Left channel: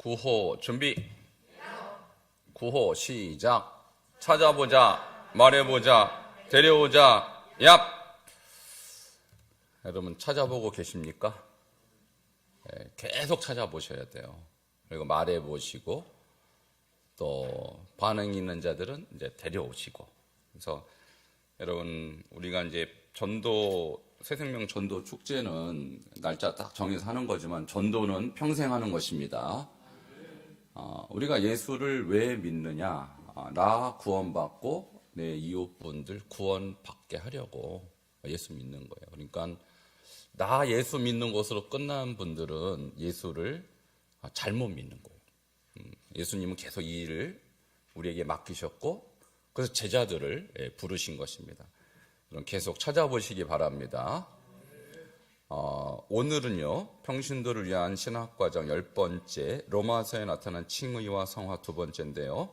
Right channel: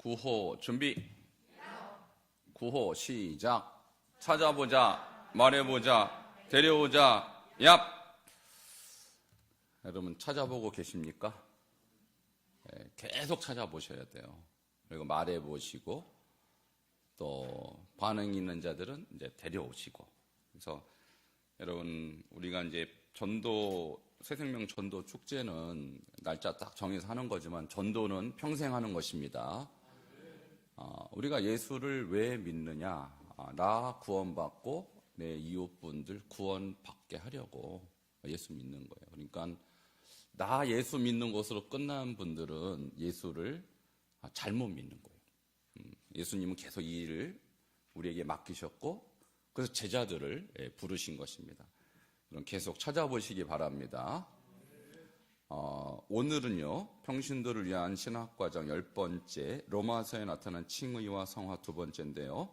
구호 준비. 구호 시작. 찾아보자, 말해보자, 데려오자, 얍. 여러분 찾아보고 계십니까? 네, 계속 찾아보셔야 돼요. 그리고 말해보시고 또 반응 있는 자들은 이제 데려오시고. 그래서 여러분 우리가 이제 전도 새생명 전도 축제는 날짜 딱 정해서 하는 거지만 전도는 평생 하는 것입니다. 우리가 예수를 왜 믿느냐? 나 구원받고 내 이웃분들 구원받게 하려고 예수 믿는 거예요. 그러니까 나 예수 믿는 것으로 끝난 분들은 예수를 잘못 믿는 거예요. 예수님은 계속 이 일을 우리에게 맡기셨고 그래서 제자들을 부르신 것입니다. 그럼 계속 찾아보시기 바랍니다. 오늘은요, 평신도를 위한 신학과정 10번째 로마서에 나타난 칭의와 성화 2번째인데요.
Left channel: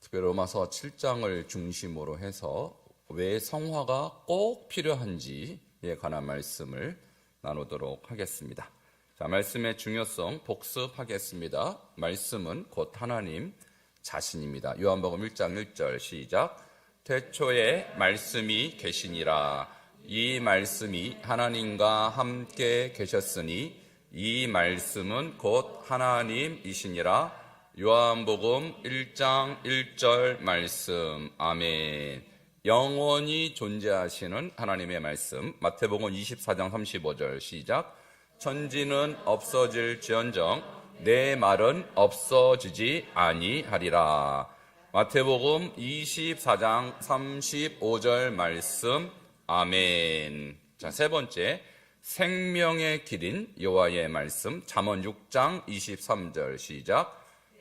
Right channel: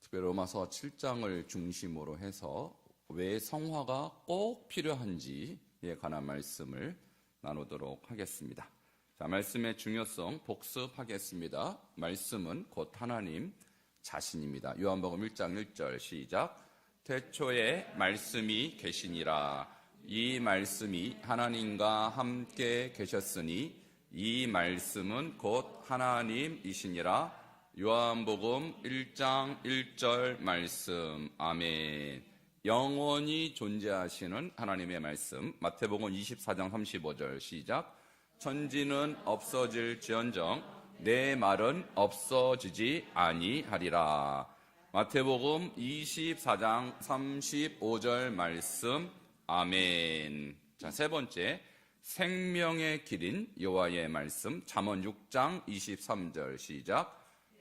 특별히 로마서 7장을 중심으로 해서 왜 성화가 꼭 필요한지에 관한 말씀을 나누도록 하겠습니다. 자, 말씀의 중요성 복습하겠습니다. 말씀은 곧 하나님 자신입니다. 요한복음 1장 1절 시작. 태초에 말씀이 계시니라. 이 말씀이 하나님과 함께 계셨으니 이 말씀은 곧 하나님이시니라. 요한복음 1장 1절 말씀. 아멘. 영원히 존재하시는 하나님의 말씀. 마태복음 24장 35절 시작. 천지는 없어질지언정 내 말은 없어지지 아니하리라. 마태복음 24장 35절 말씀. 아멘. 자, 세 번째, 생명의 길인 여호와의 말씀. 잠언 6장 23절 시작.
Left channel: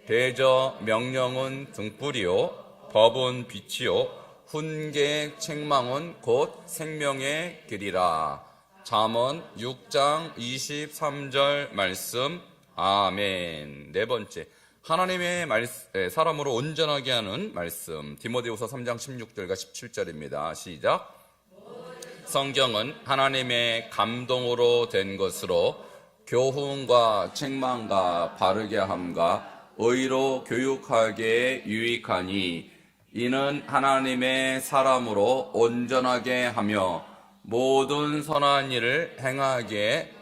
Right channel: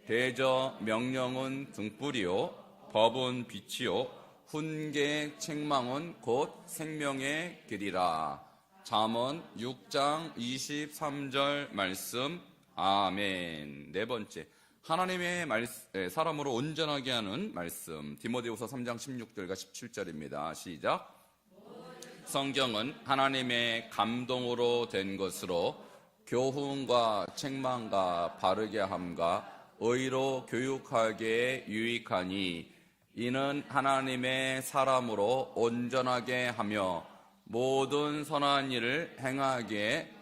대저 명령은 등불이요 법은 빛이요 훈계 책망은 곧 생명의 길이라. 잠언 6장 23절 말씀. 아멘. 네 번째, 하나님의 사람으로 온전하게 하는 말씀. 디모데후서 3장 16절과 17절입니다. 시작. 성경은 하나님의 감동으로 된 것으로 교훈과 책망과 바르게 함과 의로 교육하기에 유익하니 이는 하나님의 사람으로 온전하게 하며 모든 선한 일을 행하기에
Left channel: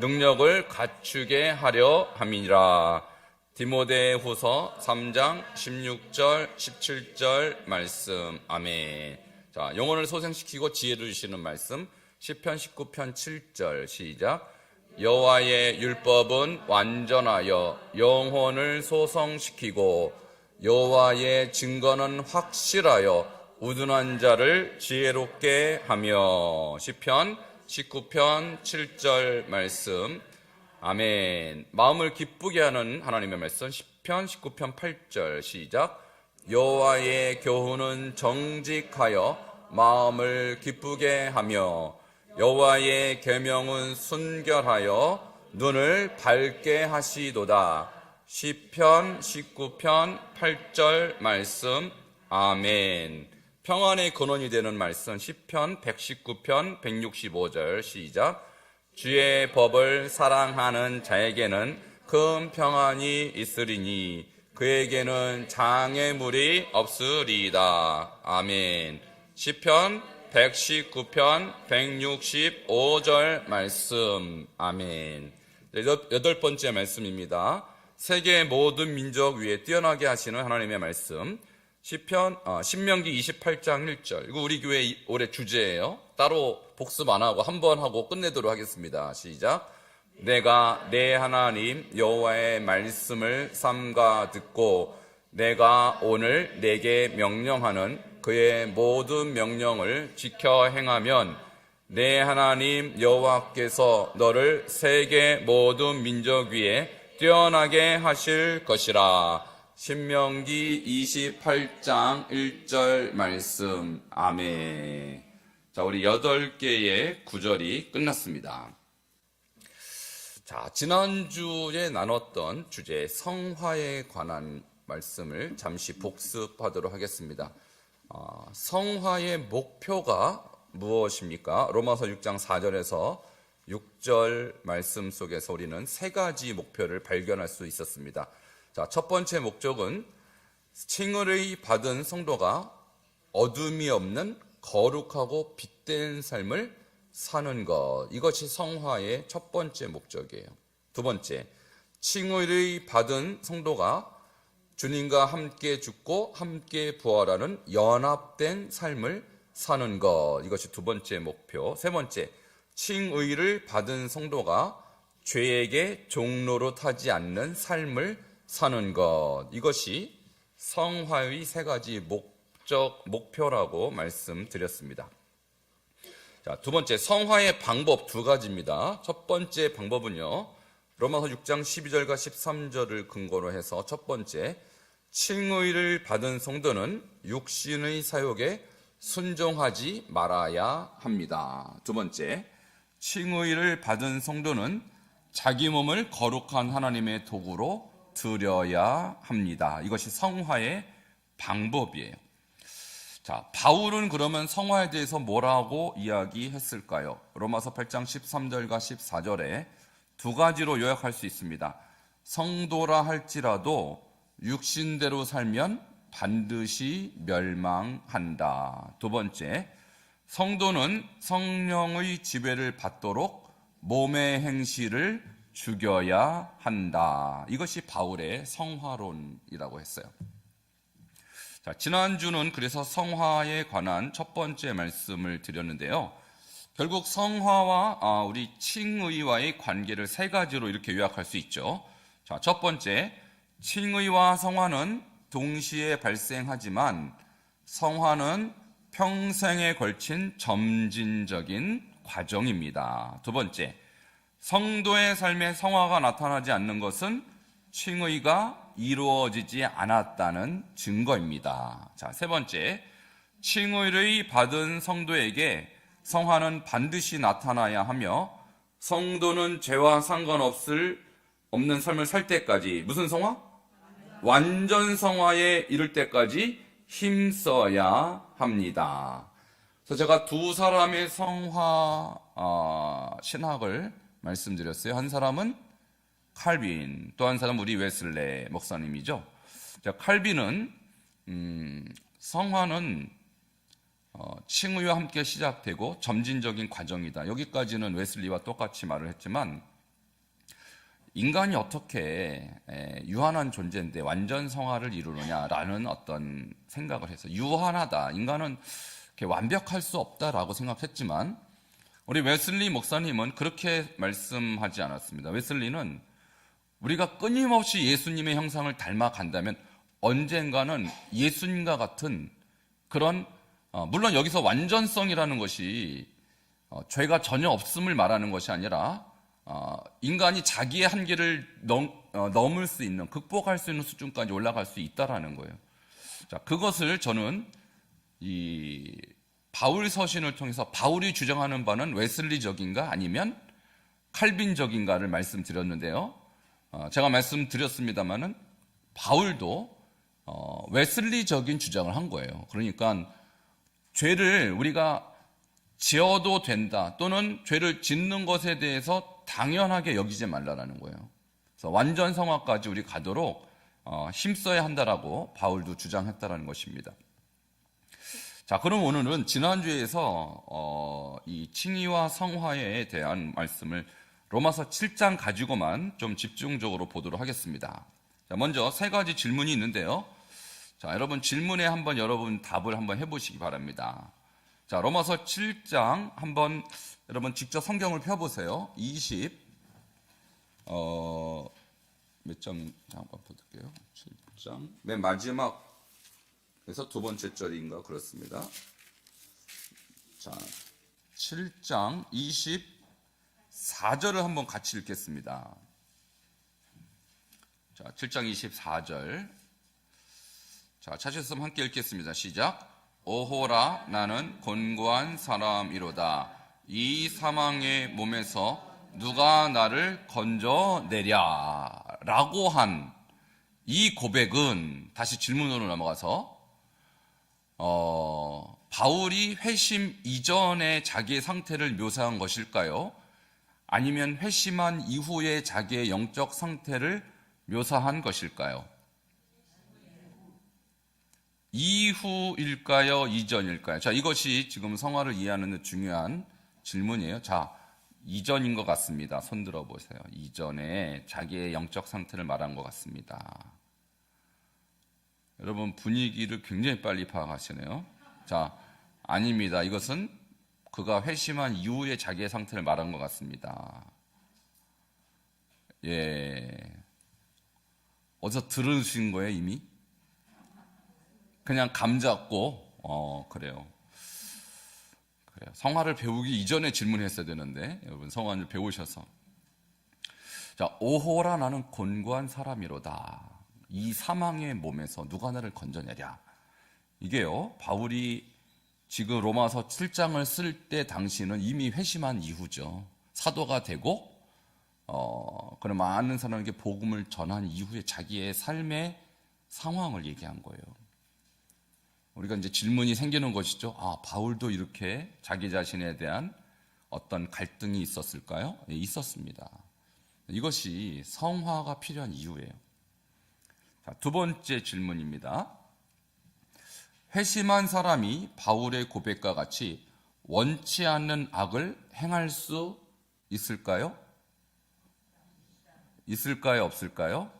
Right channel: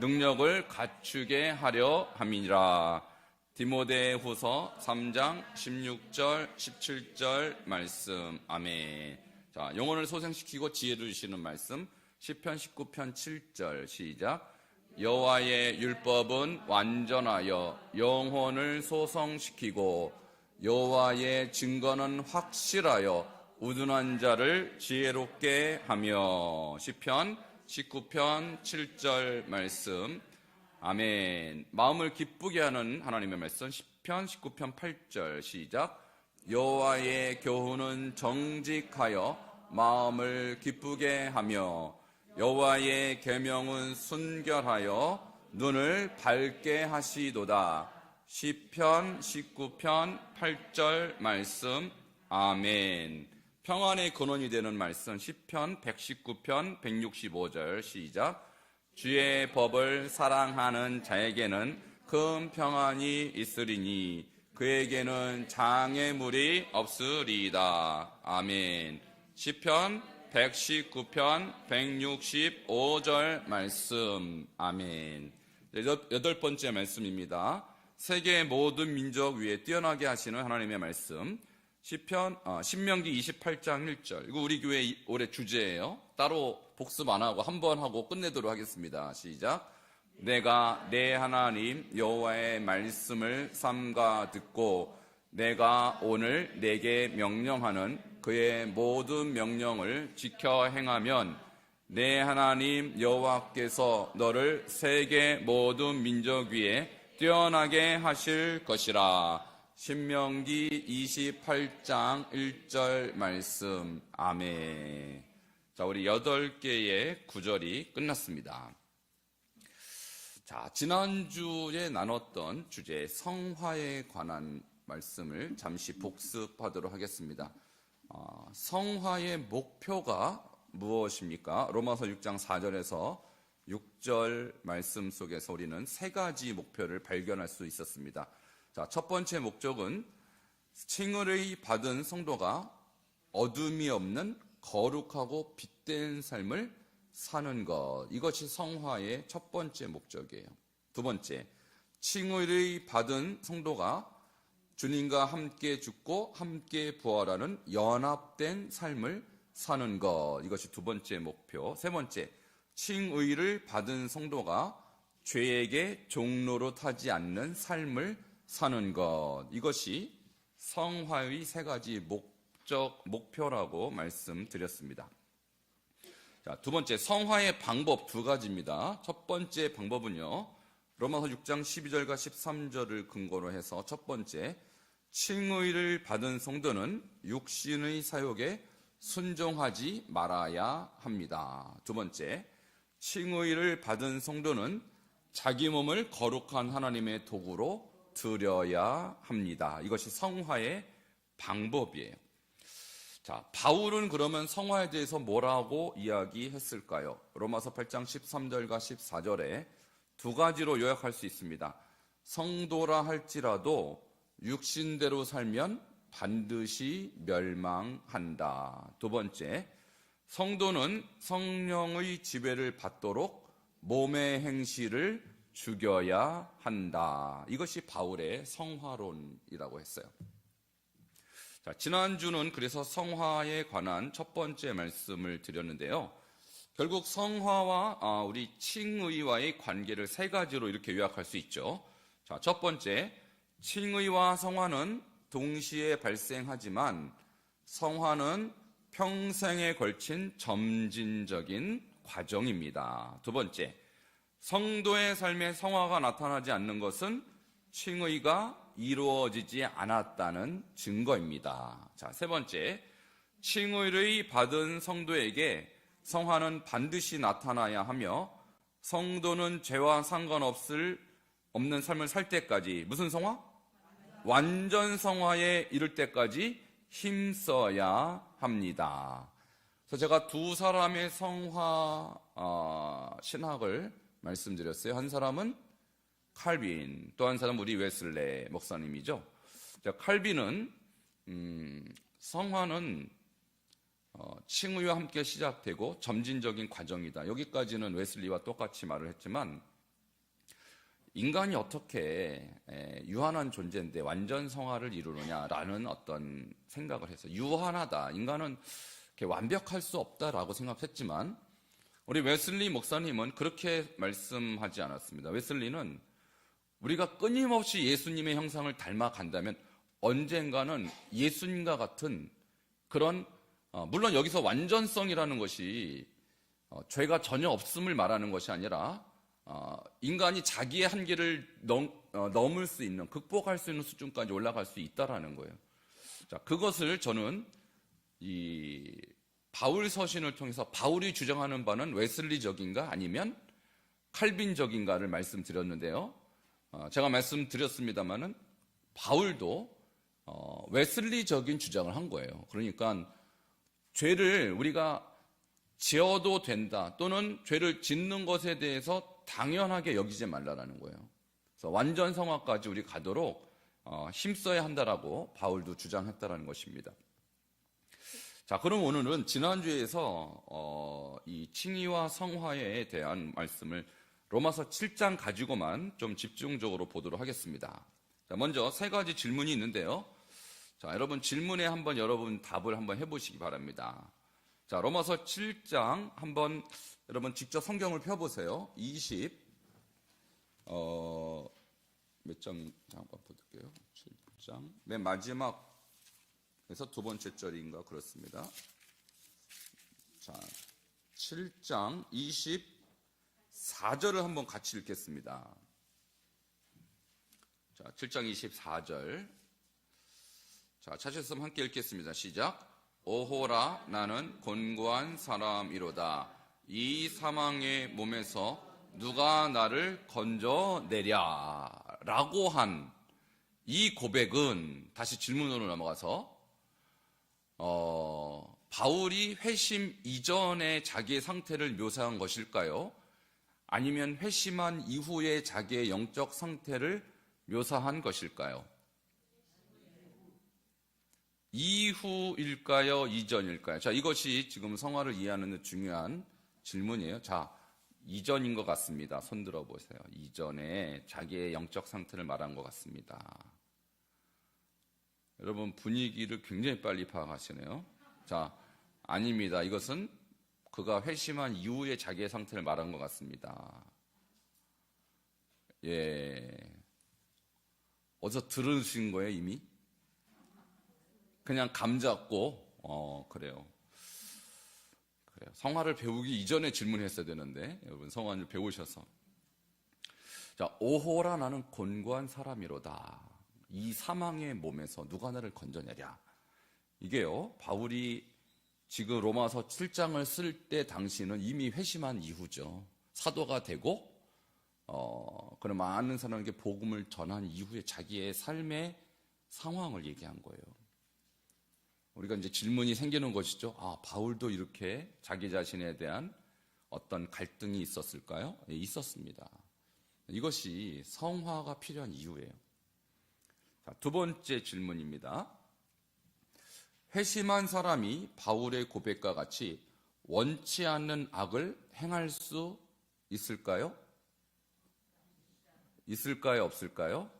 능력을 갖추게 하려 함이니라. 디모데후서 3장 16절 17절 말씀. 아멘. 자, 영혼을 소생시키고 지혜를 주시는 말씀. 시편 19편 7절 시작. 여호와의 율법은 완전하여 영혼을 소성시키고 여호와의 증거는 확실하여 우둔한 자를 지혜롭게 하며. 시편 19편 7절 말씀. 아멘. 마음을 기쁘게 하는 하나님의 말씀. 시편 19편 8절 시작. 여호와의 교훈은 정직하여 마음을 기쁘게 하며 여호와의 계명은 순결하여 눈을 밝게 하시도다. 시편 19편 8절 말씀. 아멘. 평안의 근원이 되는 말씀. 시편 119편 165절 시작. 주의 법을 사랑하는 자에게는 큰 평안이 있으리니 그에게는 장애물이 없으리이다. 아멘. 시편 119편 165절 말씀. 아멘. 여덟 번째 말씀입니다. 세계 모든 민족 위에 뛰어나게 하시는 하나님의 말씀. 신명기 28장 1절. 이거 우리 교회 올해 주제예요. 따로 복습 안 하고 한 번 하고 끝내도록 하겠습니다. 시작. 내가 내 하나님 여호와의 말씀을 삼가 듣고 내가 오늘 내게 명령하는 그의 모든 명령을 지켜 행하면 내 하나님 여호와께서 너를 세계 모든 민족 위에 뛰어나게 하실 것이라. 신명기 28장 1절 말씀. 아멘. 자, 우리 8개의 구절이 끝났습니다. 자, 지난주에 나눴던 주제 성화에 관한 말씀을 잠시 복습하도록 하겠습니다. 성화의 목표가 무엇입니까? 로마서 6장 4절에서 6절 말씀 속에서 우리는 세 가지 목표를 발견할 수 있었습니다. 자, 첫 번째 목적은 칭의를 받은 성도가 어둠이 없는 거룩하고 빛된 삶을 사는 것. 이것이 성화의 첫 번째 목적이에요. 두 번째, 칭의를 받은 성도가 주님과 함께 죽고 함께 부활하는 연합된 삶을 사는 것. 이것이 두 번째 목표. 세 번째, 칭의를 받은 성도가 죄에게 종로로 타지 않는 삶을 사는 것. 이것이 성화의 세 가지 목표라고 말씀드렸습니다. 자, 두 번째, 성화의 방법 두 가지입니다. 첫 번째 방법은요, 로마서 6장 12절과 13절을 근거로 해서 첫 번째, 칭의를 받은 성도는 육신의 사욕에 순종하지 말아야 합니다. 두 번째, 칭의를 받은 성도는 자기 몸을 거룩한 하나님의 도구로 드려야 합니다. 이것이 성화의 방법이에요. 자, 바울은 그러면 성화에 대해서 뭐라고 이야기했을까요? 로마서 8장 13절과 14절에 두 가지로 요약할 수 있습니다. 성도라 할지라도 육신대로 살면 반드시 멸망한다. 두 번째, 성도는 성령의 지배를 받도록 몸의 행실을 죽여야 한다. 이것이 바울의 성화론이라고 했어요. 자, 지난주는 그래서 성화에 관한 첫 번째 말씀을 드렸는데요. 결국 성화와 우리 칭의와의 관계를 세 가지로 이렇게 요약할 수 있죠. 자, 첫 번째, 칭의와 성화는 동시에 발생하지만 성화는 평생에 걸친 점진적인 과정입니다. 두 번째, 성도의 삶에 성화가 나타나지 않는 것은 칭의가 이루어지지 않았다는 증거입니다. 자, 세 번째, 칭의를 받은 성도에게 성화는 반드시 나타나야 하며 성도는 죄와 상관없는 삶을 살 때까지 무슨 성화? 완전 성화에 이를 때까지 힘써야 합니다. 그래서 제가 두 사람의 성화 신학을 말씀드렸어요. 한 사람은 칼빈, 또 한 사람은 우리 웨슬레 목사님이죠. 자, 칼빈은 성화는 칭의와 함께 시작되고 점진적인 과정이다. 여기까지는 웨슬리와 똑같이 말을 했지만 인간이 어떻게 유한한 존재인데 완전 성화를 이루느냐라는 어떤 생각을 해서 유한하다. 인간은 이렇게 완벽할 수 없다라고 생각했지만 우리 웨슬리 목사님은 그렇게 말씀하지 않았습니다. 웨슬리는 우리가 끊임없이 예수님의 형상을 닮아간다면 언젠가는 예수님과 같은 그런 물론 여기서 완전성이라는 것이 죄가 전혀 없음을 말하는 것이 아니라 인간이 자기의 한계를 넘을 수 있는, 극복할 수 있는 수준까지 올라갈 수 있다라는 거예요. 자, 그것을 저는 이 바울 서신을 통해서 바울이 주장하는 바는 웨슬리적인가 아니면 칼빈적인가를 말씀드렸는데요. 제가 말씀드렸습니다마는 바울도 웨슬리적인 주장을 한 거예요. 그러니까 죄를 우리가 지어도 된다 또는 죄를 짓는 것에 대해서 당연하게 여기지 말라라는 거예요. 그래서 완전 성화까지 우리 가도록 힘써야 한다라고 바울도 주장했다라는 것입니다. 자, 그럼 오늘은 지난주에서 이 칭의와 성화에 대한 말씀을 로마서 7장 가지고만 좀 집중적으로 보도록 하겠습니다. 자, 먼저 세 가지 질문이 있는데요. 자, 여러분 질문에 한번 여러분 답을 한번 해보시기 바랍니다. 자, 로마서 7장 한번 여러분 직접 성경을 펴보세요. 20몇 장 잠깐 볼게요. 7장 맨 마지막에서 두 번째 절인가 그렇습니다. 자, 7장 24절을 한번 같이 읽겠습니다. 자, 7장 24절. 자, 찾으셨으면 함께 읽겠습니다. 시작. 오호라 나는 곤고한 사람이로다. 이 사망의 몸에서 누가 나를 건져내랴 라고 한 이 고백은 다시 질문으로 넘어가서 바울이 회심 이전의 자기의 상태를 묘사한 것일까요? 아니면 회심한 이후의 자기의 영적 상태를 묘사한 것일까요? 이후일까요? 이전일까요? 자, 이것이 지금 성화를 이해하는 데 중요한 질문이에요. 자, 이전인 것 같습니다. 손 들어보세요. 이전에 자기의 영적 상태를 말한 것 같습니다. 여러분, 분위기를 굉장히 빨리 파악하시네요. 자, 아닙니다. 이것은 그가 회심한 이후에 자기의 상태를 말한 것 같습니다. 예. 어디서 들으신 거예요, 이미? 그냥 감 잡고, 그래요. 성화를 배우기 이전에 질문했어야 되는데, 여러분, 성화를 배우셔서. 자, 오호라 나는 곤고한 사람이로다. 이 사망의 몸에서 누가 나를 건져내랴. 이게요, 바울이 지금 로마서 7장을 쓸 때 당시는 이미 회심한 이후죠. 사도가 되고, 그런 많은 사람에게 복음을 전한 이후에 자기의 삶의 상황을 얘기한 거예요. 우리가 이제 질문이 생기는 것이죠. 아, 바울도 이렇게 자기 자신에 대한 어떤 갈등이 있었을까요? 네, 있었습니다. 이것이 성화가 필요한 이유예요. 자, 두 번째 질문입니다. 회심한 사람이 바울의 고백과 같이 원치 않는 악을 행할 수 있을까요? 있을까요? 없을까요?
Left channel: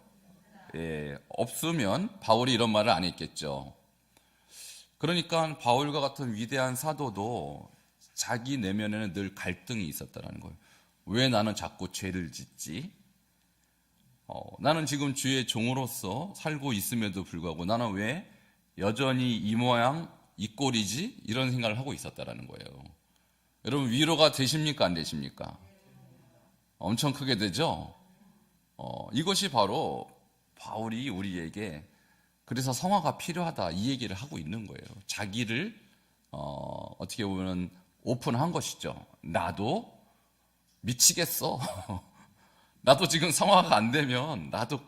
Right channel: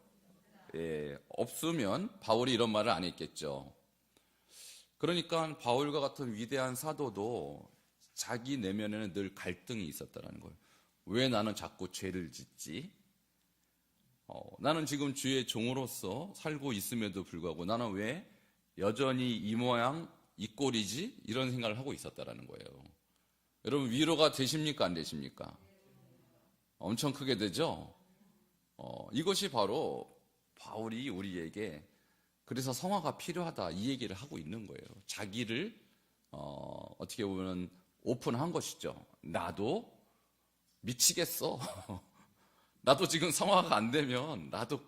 예, 없으면 바울이 이런 말을 안 했겠죠. 그러니까 바울과 같은 위대한 사도도 자기 내면에는 늘 갈등이 있었다는 거예요. 왜 나는 자꾸 죄를 짓지? 나는 지금 주의 종으로서 살고 있음에도 불구하고 나는 왜 여전히 이 모양 이 꼴이지? 이런 생각을 하고 있었다는 거예요. 여러분, 위로가 되십니까? 안 되십니까? 엄청 크게 되죠? 이것이 바로 바울이 우리에게 그래서 성화가 필요하다 이 얘기를 하고 있는 거예요. 자기를 어떻게 보면 오픈한 것이죠. 나도 미치겠어. 나도 지금 성화가 안 되면 나도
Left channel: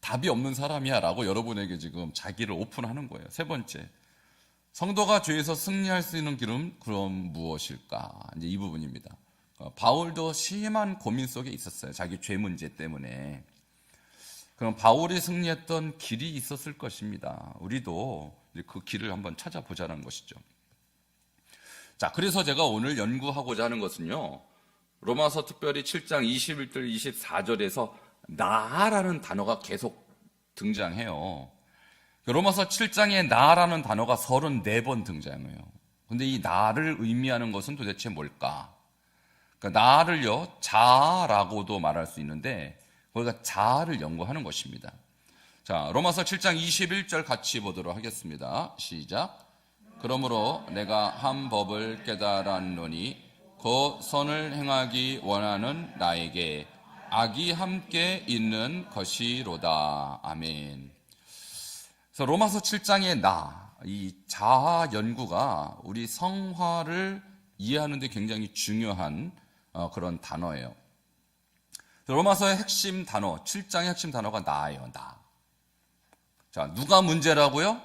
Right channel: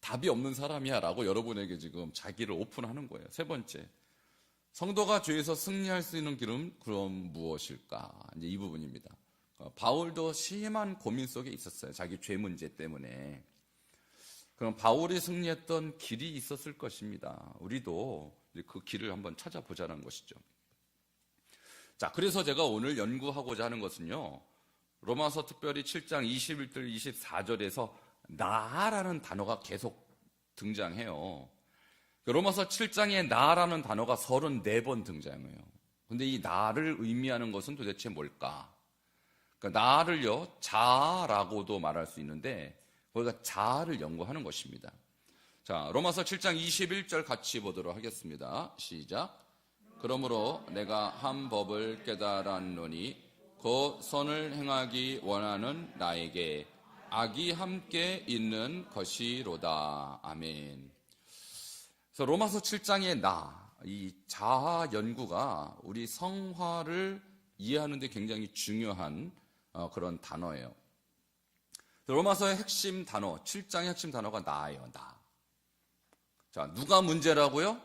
답이 없는 사람이야 라고 여러분에게 지금 자기를 오픈하는 거예요. 세 번째, 성도가 죄에서 승리할 수 있는 길은 그럼 무엇일까? 이제 이 부분입니다. 바울도 심한 고민 속에 있었어요. 자기 죄 문제 때문에. 그럼 바울이 승리했던 길이 있었을 것입니다. 우리도 그 길을 한번 찾아보자는 것이죠. 자, 그래서 제가 오늘 연구하고자 하는 것은요, 로마서 특별히 7장 21절 24절에서 나라는 단어가 계속 등장해요. 로마서 7장에 나라는 단어가 34번 등장해요. 근데 이 나를 의미하는 것은 도대체 뭘까? 그러니까 나를요, 자라고도 말할 수 있는데 우리가 자아를 연구하는 것입니다. 자, 로마서 7장 21절 같이 보도록 하겠습니다. 시작. 그러므로 내가 한 법을 깨달았노니 그 선을 행하기 원하는 나에게 악이 함께 있는 것이로다. 아멘. 그래서 로마서 7장의 이 자아 연구가 우리 성화를 이해하는 데 굉장히 중요한 그런 단어예요. 로마서의 핵심 단어, 7장의 핵심 단어가 나예요. 나. 자, 누가 문제라고요?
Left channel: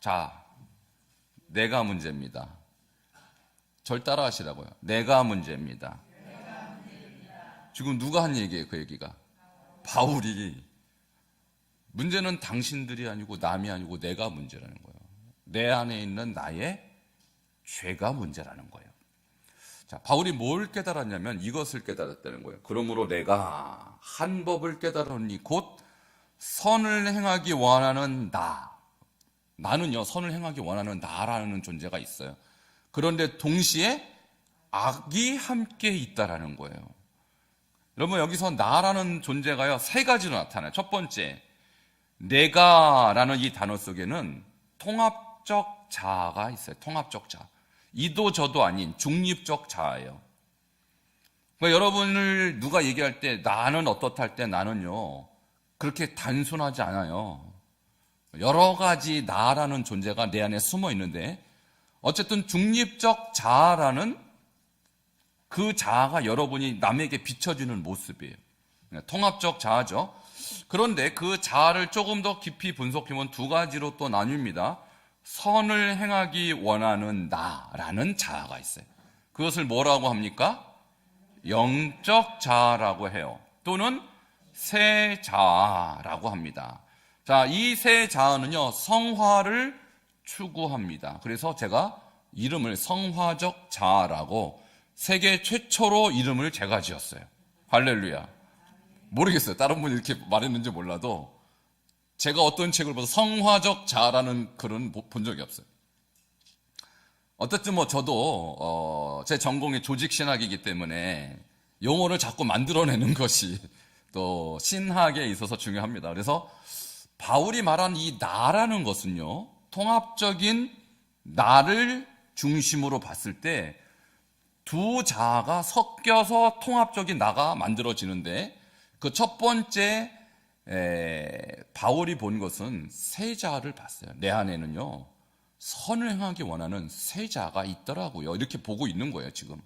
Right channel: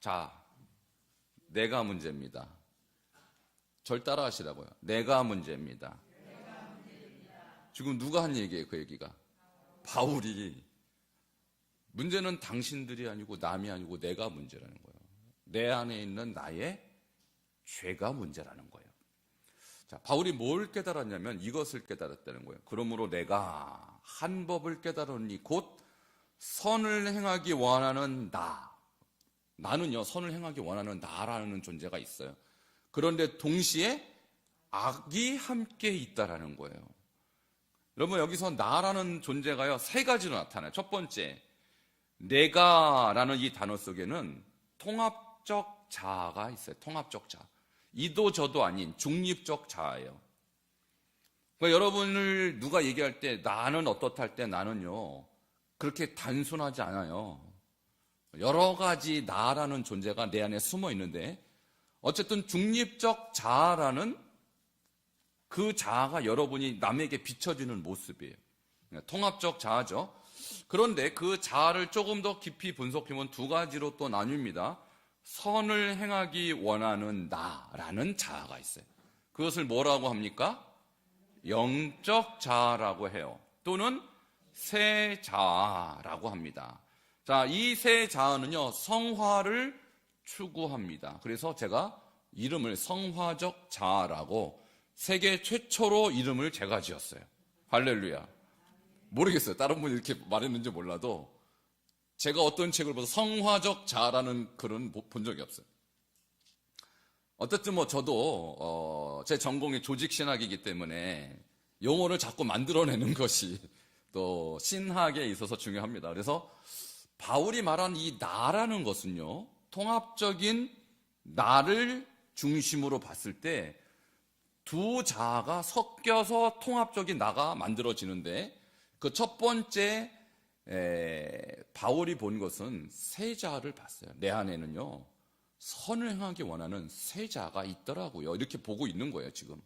자, 내가 문제입니다. 절 따라 하시라고요. 내가 문제입니다. 지금 누가 한 얘기예요, 그 얘기가? 바울이. 문제는 당신들이 아니고 남이 아니고 내가 문제라는 거예요. 내 안에 있는 나의 죄가 문제라는 거예요. 자, 바울이 뭘 깨달았냐면 이것을 깨달았다는 거예요. 그러므로 내가 한 법을 깨달았니 곧 선을 행하기 원하는 나. 나는요, 선을 행하기 원하는 나라는 존재가 있어요. 그런데 동시에 악이 함께 있다라는 거예요. 여러분, 여기서 나라는 존재가요, 세 가지로 나타나요. 첫 번째, 내가라는 이 단어 속에는 통합적 자아가 있어요. 통합적 자아. 이도 저도 아닌 중립적 자아예요. 그러니까 여러분을 누가 얘기할 때 나는 어떻다 할 때 나는요, 그렇게 단순하지 않아요. 여러 가지 나라는 존재가 내 안에 숨어 있는데 어쨌든 중립적 자아라는 그 자아가 여러분이 남에게 비춰주는 모습이에요. 통합적 자아죠. 그런데 그 자아를 조금 더 깊이 분석해보면 두 가지로 또 나뉩니다. 선을 행하기 원하는 나라는 자아가 있어요. 그것을 뭐라고 합니까? 영적 자아라고 해요. 또는 새 자아라고 합니다. 자, 이 새 자아는요, 성화를 추구합니다. 그래서 제가 이름을 성화적 자아라고 세계 최초로 이름을 제가 지었어요. 할렐루야. 모르겠어요. 다른 분이 이렇게 말했는지 몰라도 제가 어떤 책을 봐서 성화적 자아라는 글은 본 적이 없어요. 어쨌든 뭐 저도 제 전공이 조직신학이기 때문에 용어를 자꾸 만들어내는 것이 또 신학에 있어서 중요합니다. 그래서 바울이 말한 이 나라는 것은요, 통합적인 나를 중심으로 봤을 때 두 자아가 섞여서 통합적인 나가 만들어지는데, 그 첫 번째 바울이 본 것은 새 자아를 봤어요. 내 안에는요, 선을 행하기 원하는 새 자아가 있더라고요. 이렇게 보고 있는 거예요, 지금.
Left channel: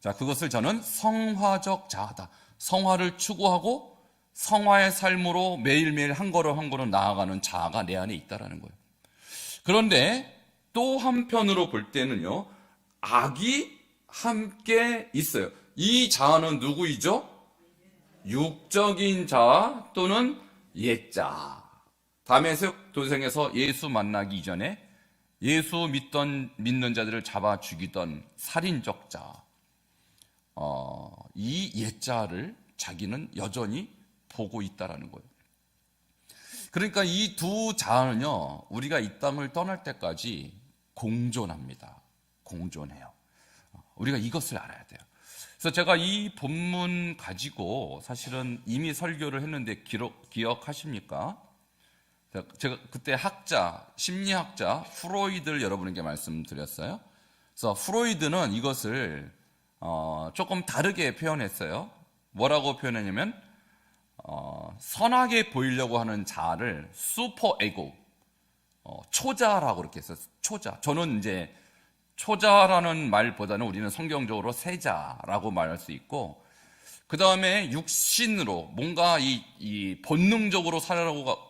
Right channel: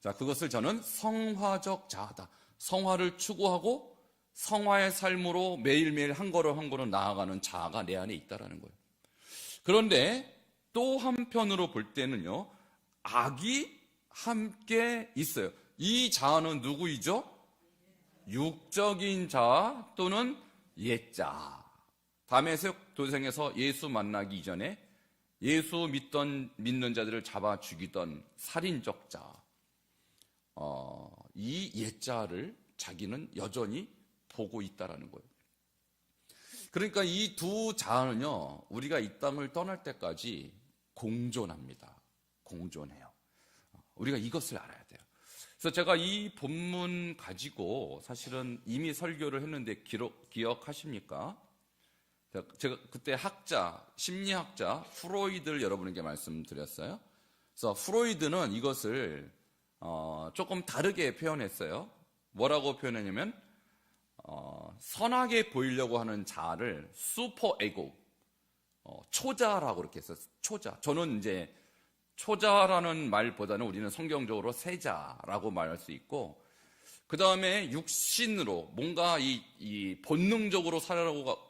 자, 그것을 저는 성화적 자아다. 성화를 추구하고 성화의 삶으로 매일매일 한 걸음 한 걸음 나아가는 자아가 내 안에 있다라는 거예요. 그런데 또 한편으로 볼 때는요, 악이 함께 있어요. 이 자아는 누구이죠? 육적인 자아 또는 옛자아. 다메섹 도성에서 예수 만나기 이전에 예수 믿는 자들을 잡아 죽이던 살인적 자아, 이 옛자아를 자기는 여전히 보고 있다라는 거예요. 그러니까 이 두 자아는요, 우리가 이 땅을 떠날 때까지 공존합니다. 공존해요. 우리가 이것을 알아야 돼요. 그래서 제가 이 본문 가지고 사실은 이미 설교를 했는데 기억하십니까? 제가 그때 학자, 심리학자 프로이드를 여러분에게 말씀드렸어요. 그래서 프로이드는 이것을 조금 다르게 표현했어요. 뭐라고 표현했냐면 선하게 보이려고 하는 자아를 슈퍼 에고, 초자라고 그렇게 했어요. 초자. 저는 이제 초자라는 말보다는 우리는 성경적으로 세자라고 말할 수 있고, 그 다음에 육신으로 뭔가 이 본능적으로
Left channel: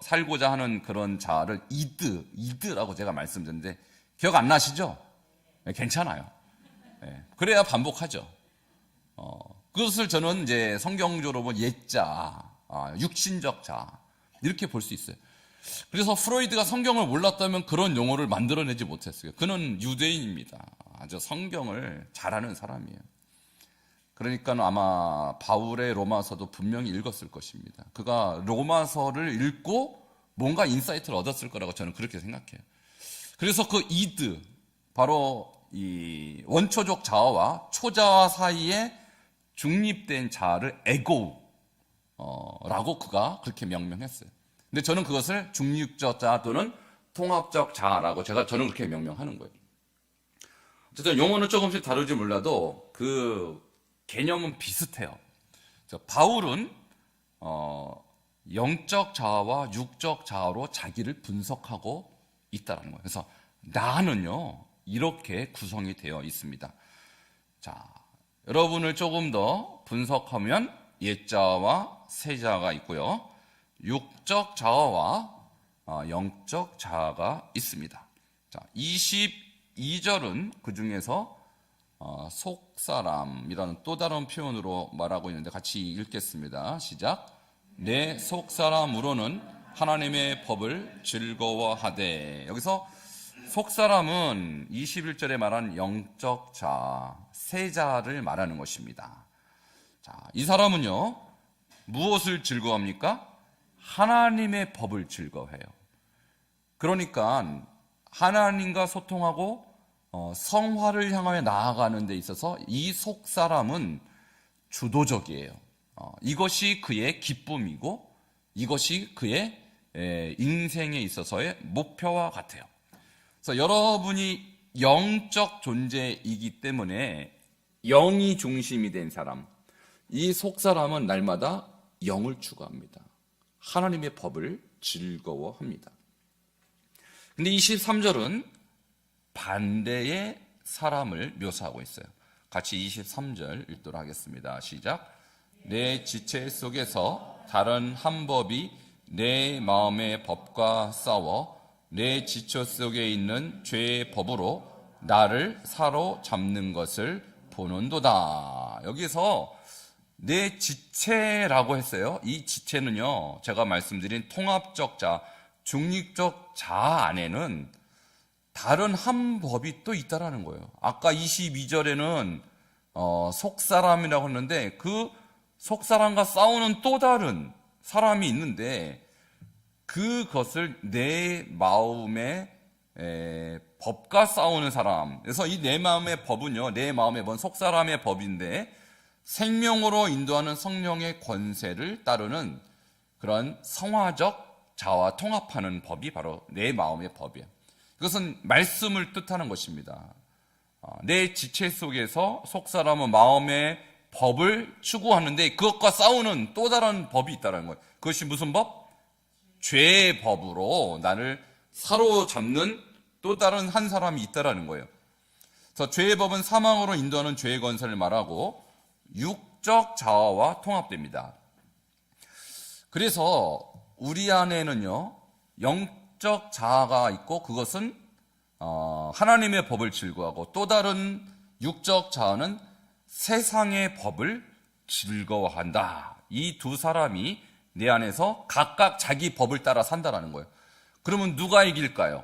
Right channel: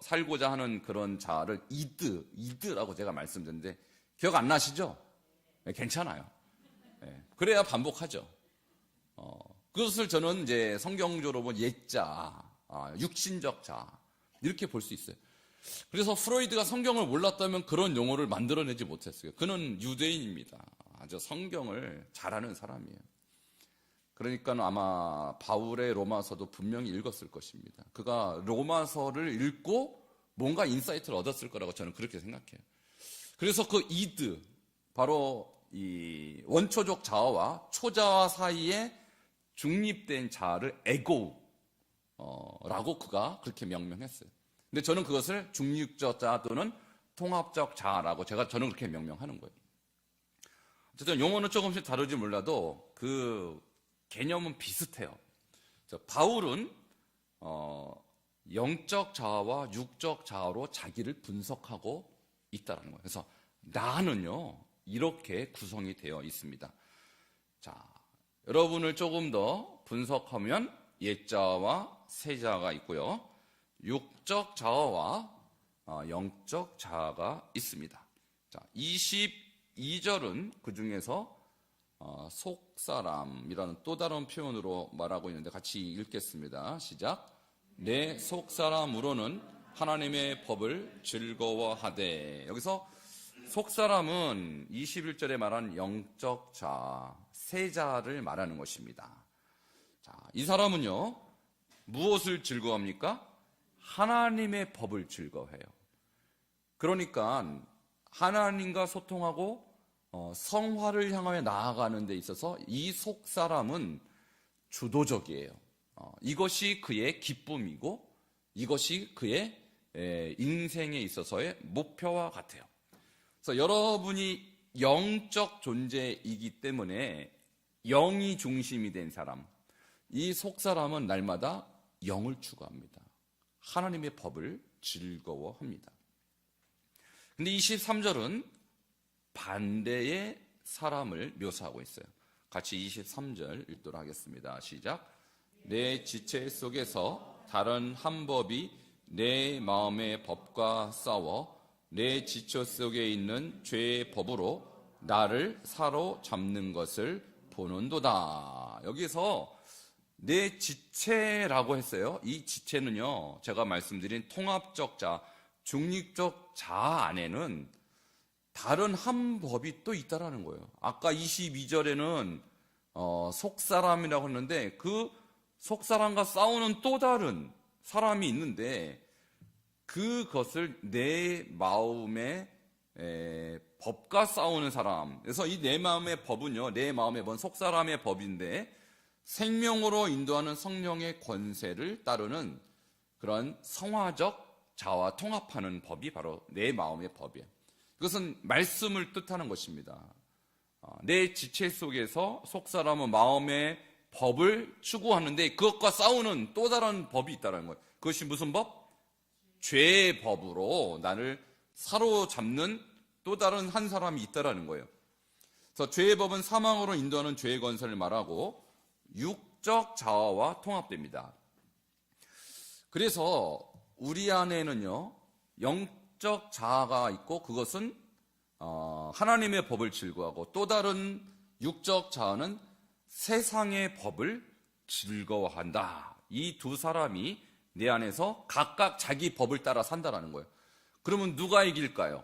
살고자 하는 그런 자아를 이드라고 제가 말씀드렸는데 기억 안 나시죠? 네, 괜찮아요. 네, 그래야 반복하죠. 그것을 저는 이제 성경적으로 보면 옛자, 육신적 자 이렇게 볼 수 있어요. 그래서 프로이드가 성경을 몰랐다면 그런 용어를 만들어내지 못했어요. 그는 유대인입니다. 아주 성경을 잘하는 사람이에요. 그러니까 아마 바울의 로마서도 분명히 읽었을 것입니다. 그가 로마서를 읽고 뭔가 인사이트를 얻었을 거라고 저는 그렇게 생각해요. 그래서 그 이드, 바로 이 원초적 자아와 초자아 사이에 중립된 자아를 에고라고 그가 그렇게 명명했어요. 근데 저는 그것을 중립적 자아 또는 통합적 자아라고 저는 그렇게 명명하는 거예요. 어쨌든 용어는 조금씩 다르지 몰라도 그 개념은 비슷해요. 바울은 영적 자아와 육적 자아로 자기를 분석하고 있다는 거예요. 그래서 나는요 이렇게 구성이 되어 있습니다. 자, 여러분을 조금 더 분석하면 옛자아와 새자아가 있고요, 육적 자아와 영적 자아가 있습니다. 자, 22절은 그 중에서 속사람이라는 또 다른 표현으로 말하고 있는데 같이 읽겠습니다. 시작. 내 속사람으로는 하나님의 법을 즐거워하되. 여기서 속사람은 21절에 말한 영적 자아, 세자를 말하는 것입니다. 자, 이 사람은요 무엇을 즐거워합니까? 하나님의 법을 즐거워해요. 그러니까 하나님과 소통하고 성화를 향하여 나아가는 데 있어서 이 속사람은 주도적이에요. 이것이 그의 기쁨이고 이것이 그의 인생에 있어서의 목표와 같아요. 그래서 여러분이 영적 존재이기 때문에 영이 중심이 된 사람, 이 속사람은 날마다 영을 추구합니다. 하나님의 법을 즐거워합니다. 근데 23절은 반대의 사람을 묘사하고 있어요. 같이 23절 읽도록 하겠습니다. 시작. 내 지체 속에서 다른 한 법이 내 마음의 법과 싸워 내 지체 속에 있는 죄의 법으로 나를 사로잡는 것을 보는도다. 여기서 내 지체라고 했어요. 이 지체는요, 제가 말씀드린 통합적 자, 중립적 자 안에는 다른 한 법이 또 있다라는 거예요. 아까 22절에는 속사람이라고 했는데 그 속사람과 싸우는 또 다른 사람이 있는데 그것을 내 마음의 법과 싸우는 사람. 그래서 이 내 마음의 법은요, 내 마음의 법은 속사람의 법인데 생명으로 인도하는 성령의 권세를 따르는 그런 성화적 자와 통합하는 법이 바로 내 마음의 법이에요. 이것은 말씀을 뜻하는 것입니다. 내 지체 속에서 속사람은 마음의 법을 추구하는데 그것과 싸우는 또 다른 법이 있다는 거예요. 그것이 무슨 법? 죄의 법으로 나를 사로잡는 또 다른 한 사람이 있다는 거예요. 그래서 죄의 법은 사망으로 인도하는 죄의 권세를 말하고 육적 자아와 통합됩니다. 그래서 우리 안에는요, 영적 자아가 있고 그것은 하나님의 법을 즐거워하고 또 다른 육적 자아는 세상의 법을 즐거워한다. 이 두 사람이 내 안에서 각각 자기 법을 따라 산다라는 거예요. 그러면 누가 이길까요?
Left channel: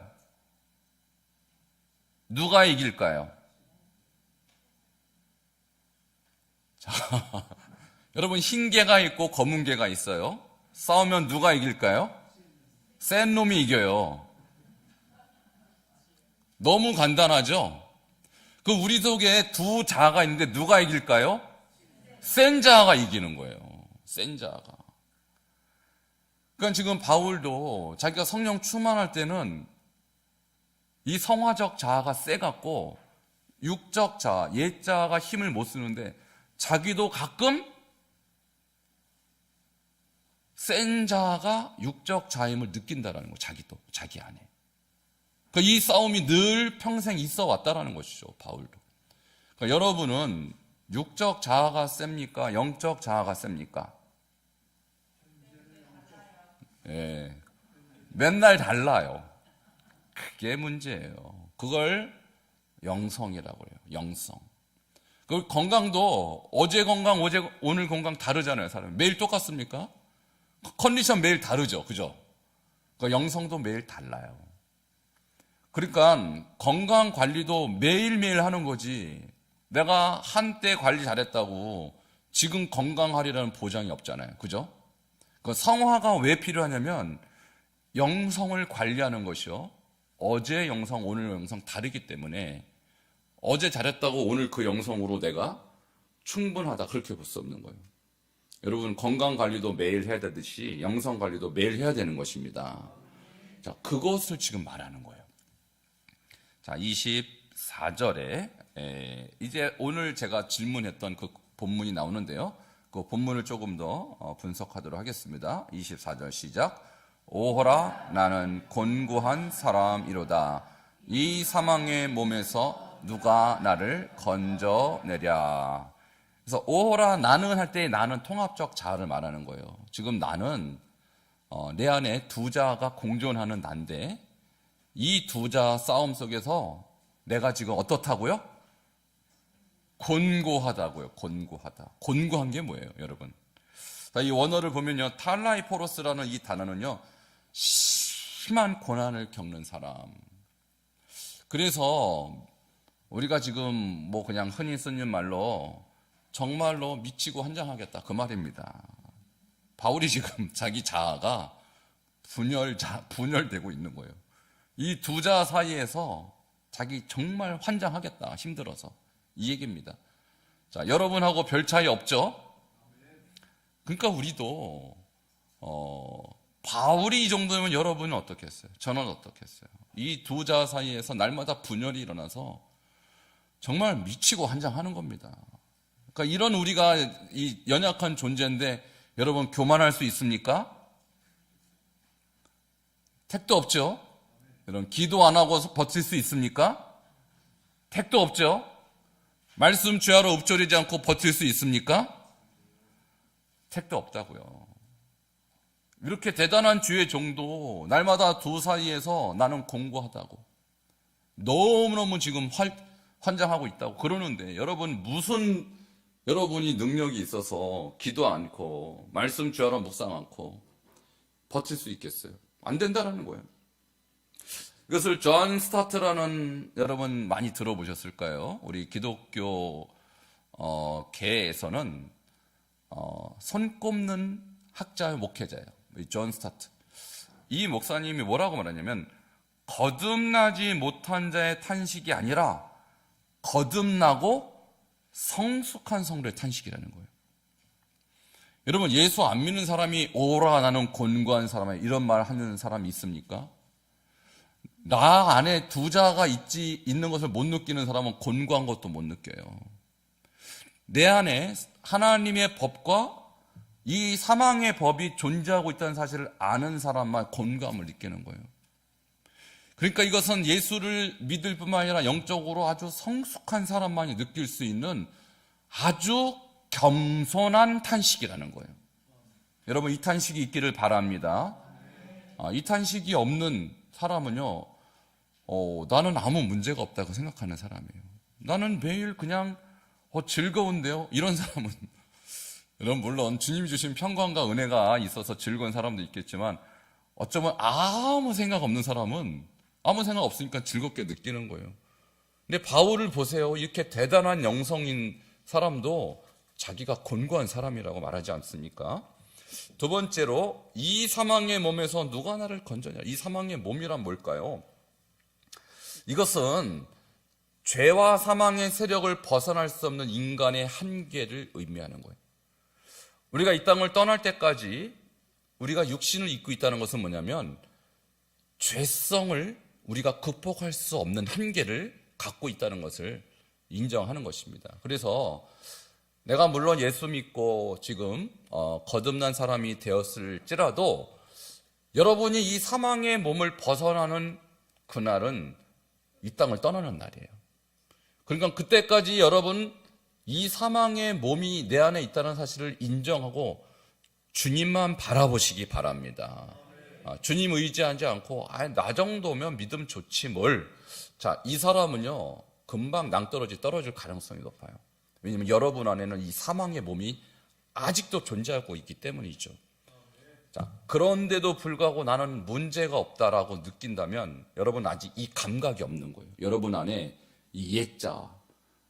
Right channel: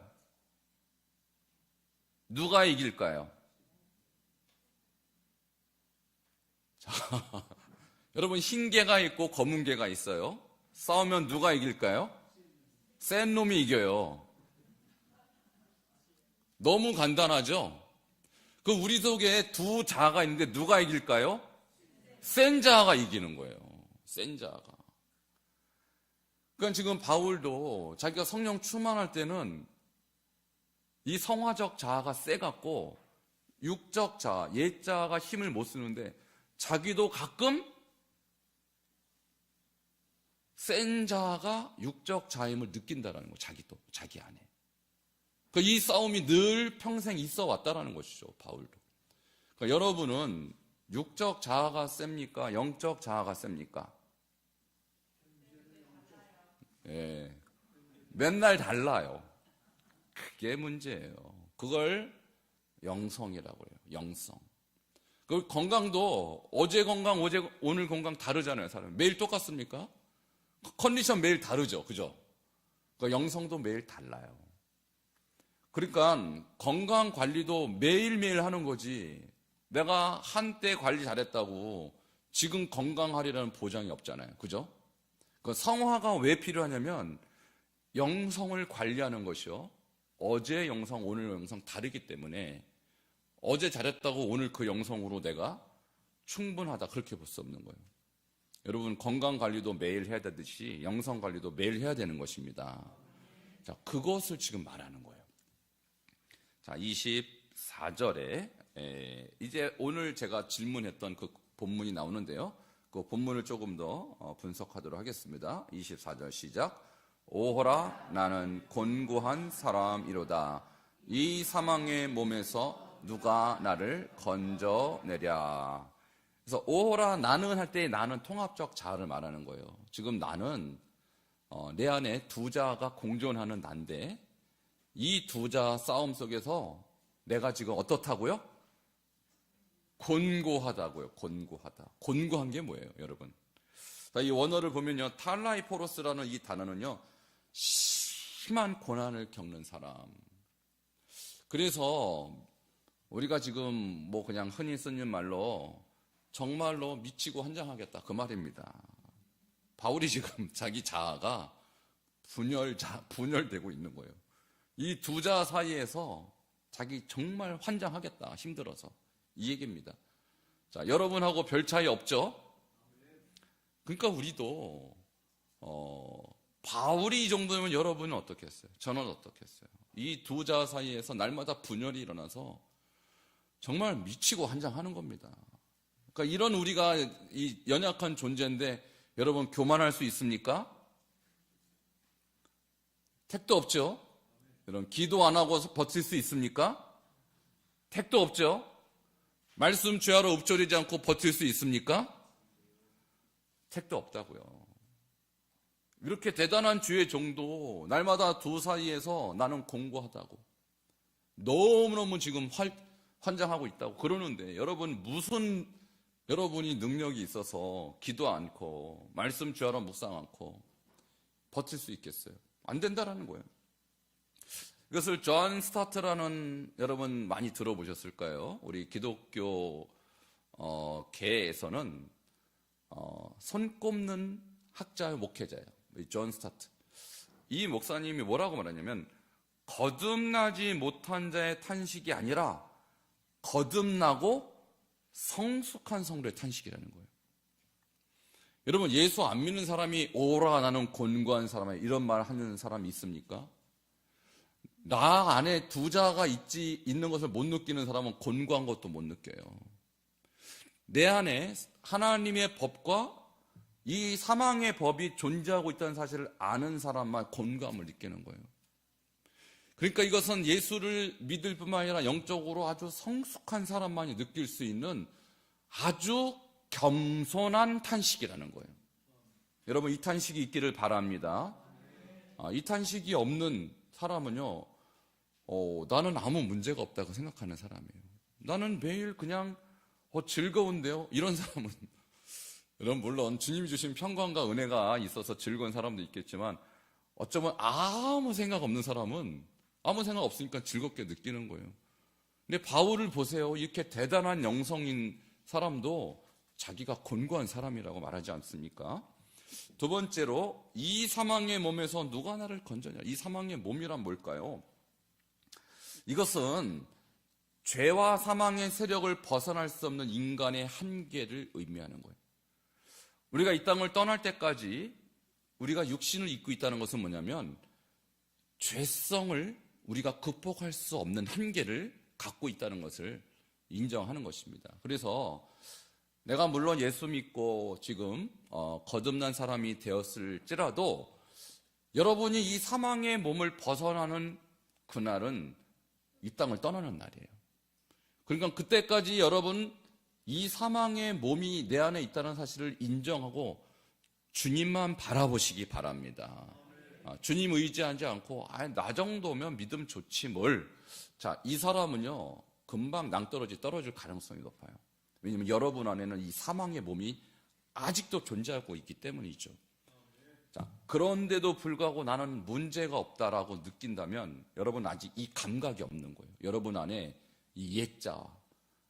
누가 이길까요? 자, 여러분, 흰 개가 있고 검은 개가 있어요. 싸우면 누가 이길까요? 센 놈이 이겨요. 너무 간단하죠? 그 우리 속에 두 자아가 있는데 누가 이길까요? 센 자아가 이기는 거예요. 센 자아가. 그러니까 지금 바울도 자기가 성령 충만할 때는 이 성화적 자아가 세갖고 육적 자아, 옛 자아가 힘을 못 쓰는데 자기도 가끔 센 자아가 육적 자임을 느낀다라는 거예요. 자기도, 자기 안에. 그러니까 이 싸움이 늘 평생 있어 왔다라는 것이죠, 바울도. 그러니까 여러분은 육적 자아가 셉니까? 영적 자아가 셉니까? 예, 맨날 달라요. 그게 문제예요. 그걸 영성이라고 해요. 영성. 그 건강도 어제 건강, 오늘 건강 다르잖아요, 사람. 매일 똑같습니까? 컨디션 매일 다르죠, 그죠? 그러니까 영성도 매일 달라요. 그러니까 건강 관리도 매일매일 하는 거지. 내가 한때 관리 잘했다고 지금 건강하리라는 보장이 없잖아요, 그죠? 그 성화가 왜 필요하냐면 영성을 관리하는 것이요, 어제 영성, 오늘 영성 다르기 때문에 어제 잘했다고 오늘 그 영성으로 내가 충분하다 그렇게 볼 수 없는 거예요. 여러분, 건강 관리도 매일 해야 되듯이 영성 관리도 매일 해야 되는 것입니다. 자, 그것을 지금 말하는 거예요. 자, 24절에 이제 오늘 제가 질문했던 그 본문이 나오는데요. 그 본문을 조금 더 분석하도록 하겠습니다. 24절 시작. 오호라, 나는 곤고한 사람이로다. 이 사망의 몸에서 누가 나를 건져내랴. 그래서 오호라, 나는 할 때 나는 통합적 자아를 말하는 거예요. 지금 나는 내 안에 두 자아가 공존하는 난데 이 두 자아 싸움 속에서 내가 지금 어떻다고요? 곤고하다고요. 곤고하다. 곤고한 게 뭐예요, 여러분? 자, 이 원어를 보면요, 탈라이포로스라는 이 단어는요, 심한 고난을 겪는 사람. 그래서 우리가 지금 뭐 그냥 흔히 쓰는 말로 정말로 미치고 환장하겠다 그 말입니다. 바울이 지금 자기 자아가 분열되고 있는 거예요. 이 두 자아 사이에서 자기 정말 환장하겠다, 힘들어서. 이 얘기입니다. 자, 여러분하고 별 차이 없죠? 그러니까 우리도 바울이 이 정도면 여러분은 어떻게 했어요? 저는 어떻게 했어요? 이 두 자아 사이에서 날마다 분열이 일어나서 정말 미치고 환장하는 겁니다. 그러니까 이런 우리가 이 연약한 존재인데 여러분, 교만할 수 있습니까? 택도 없죠? 여러분, 기도 안 하고 버틸 수 있습니까? 택도 없죠? 말씀 죄하러 읊조리지 않고 버틸 수 있습니까? 택도 없다고요. 이렇게 대단한 주의 종도 날마다 두 사이에서 나는 공고하다고. 너무너무 지금 환장하고 있다고 그러는데 여러분 무슨 여러분이 능력이 있어서 기도 않고 말씀 주하러 묵상 않고 버틸 수 있겠어요? 안 된다라는 거예요. 이것을 존 스타트라는 여러분 많이 들어보셨을까요? 우리 기독교 계에서는 손꼽는 학자의 목회자예요. 존 스타트. 이 목사님이 뭐라고 말하냐면 거듭나지 못한 자의 탄식이 아니라 거듭나고 성숙한 성도의 탄식이라는 거예요. 여러분 예수 안 믿는 사람이 오라 나는 곤고한 사람이야 이런 말 하는 사람이 있습니까? 나 안에 두 자가 있는 것을 못 느끼는 사람은 곤고한 것도 못 느껴요. 내 안에 하나님의 법과 이 사망의 법이 존재하고 있다는 사실을 아는 사람만 곤고함을 느끼는 거예요. 그러니까 이것은 예수를 믿을 뿐만 아니라 영적으로 아주 성숙한 사람만이 느낄 수 있는 아주 겸손한 탄식이라는 거예요. 여러분 이 탄식이 있기를 바랍니다. 이 탄식이 없는 사람은요, 나는 아무 문제가 없다고 생각하는 사람이에요. 나는 매일 그냥 즐거운데요. 이런 사람은 물론 주님 주신 평강과 은혜가 있어서 즐거운 사람도 있겠지만 어쩌면 아무 생각 없는 사람은 아무 생각 없으니까 즐겁게 느끼는 거예요. 근데 바울을 보세요. 이렇게 대단한 영성인 사람도 자기가 곤고한 사람이라고 말하지 않습니까? 두 번째로 이 사망의 몸에서 누가 나를 건져냐. 이 사망의 몸이란 뭘까요? 이것은 죄와 사망의 세력을 벗어날 수 없는 인간의 한계를 의미하는 거예요. 우리가 이 땅을 떠날 때까지 우리가 육신을 입고 있다는 것은 뭐냐면 죄성을 우리가 극복할 수 없는 한계를 갖고 있다는 것을 인정하는 것입니다. 그래서 내가 물론 예수 믿고 지금 거듭난 사람이 되었을지라도 여러분이 이 사망의 몸을 벗어나는 그날은 이 땅을 떠나는 날이에요. 그러니까 그때까지 여러분 이 사망의 몸이 내 안에 있다는 사실을 인정하고 주님만 바라보시기 바랍니다. 주님 의지하지 않고 나 정도면 믿음 좋지 뭘. 자, 이 사람은요 금방 낭떠러지 떨어질 가능성이 높아요. 왜냐하면 여러분 안에는 이 사망의 몸이 아직도 존재하고 있기 때문이죠. 자, 그런데도 불구하고 나는 문제가 없다라고 느낀다면 여러분 아직 이 감각이 없는 거예요. 여러분 안에 이 옛자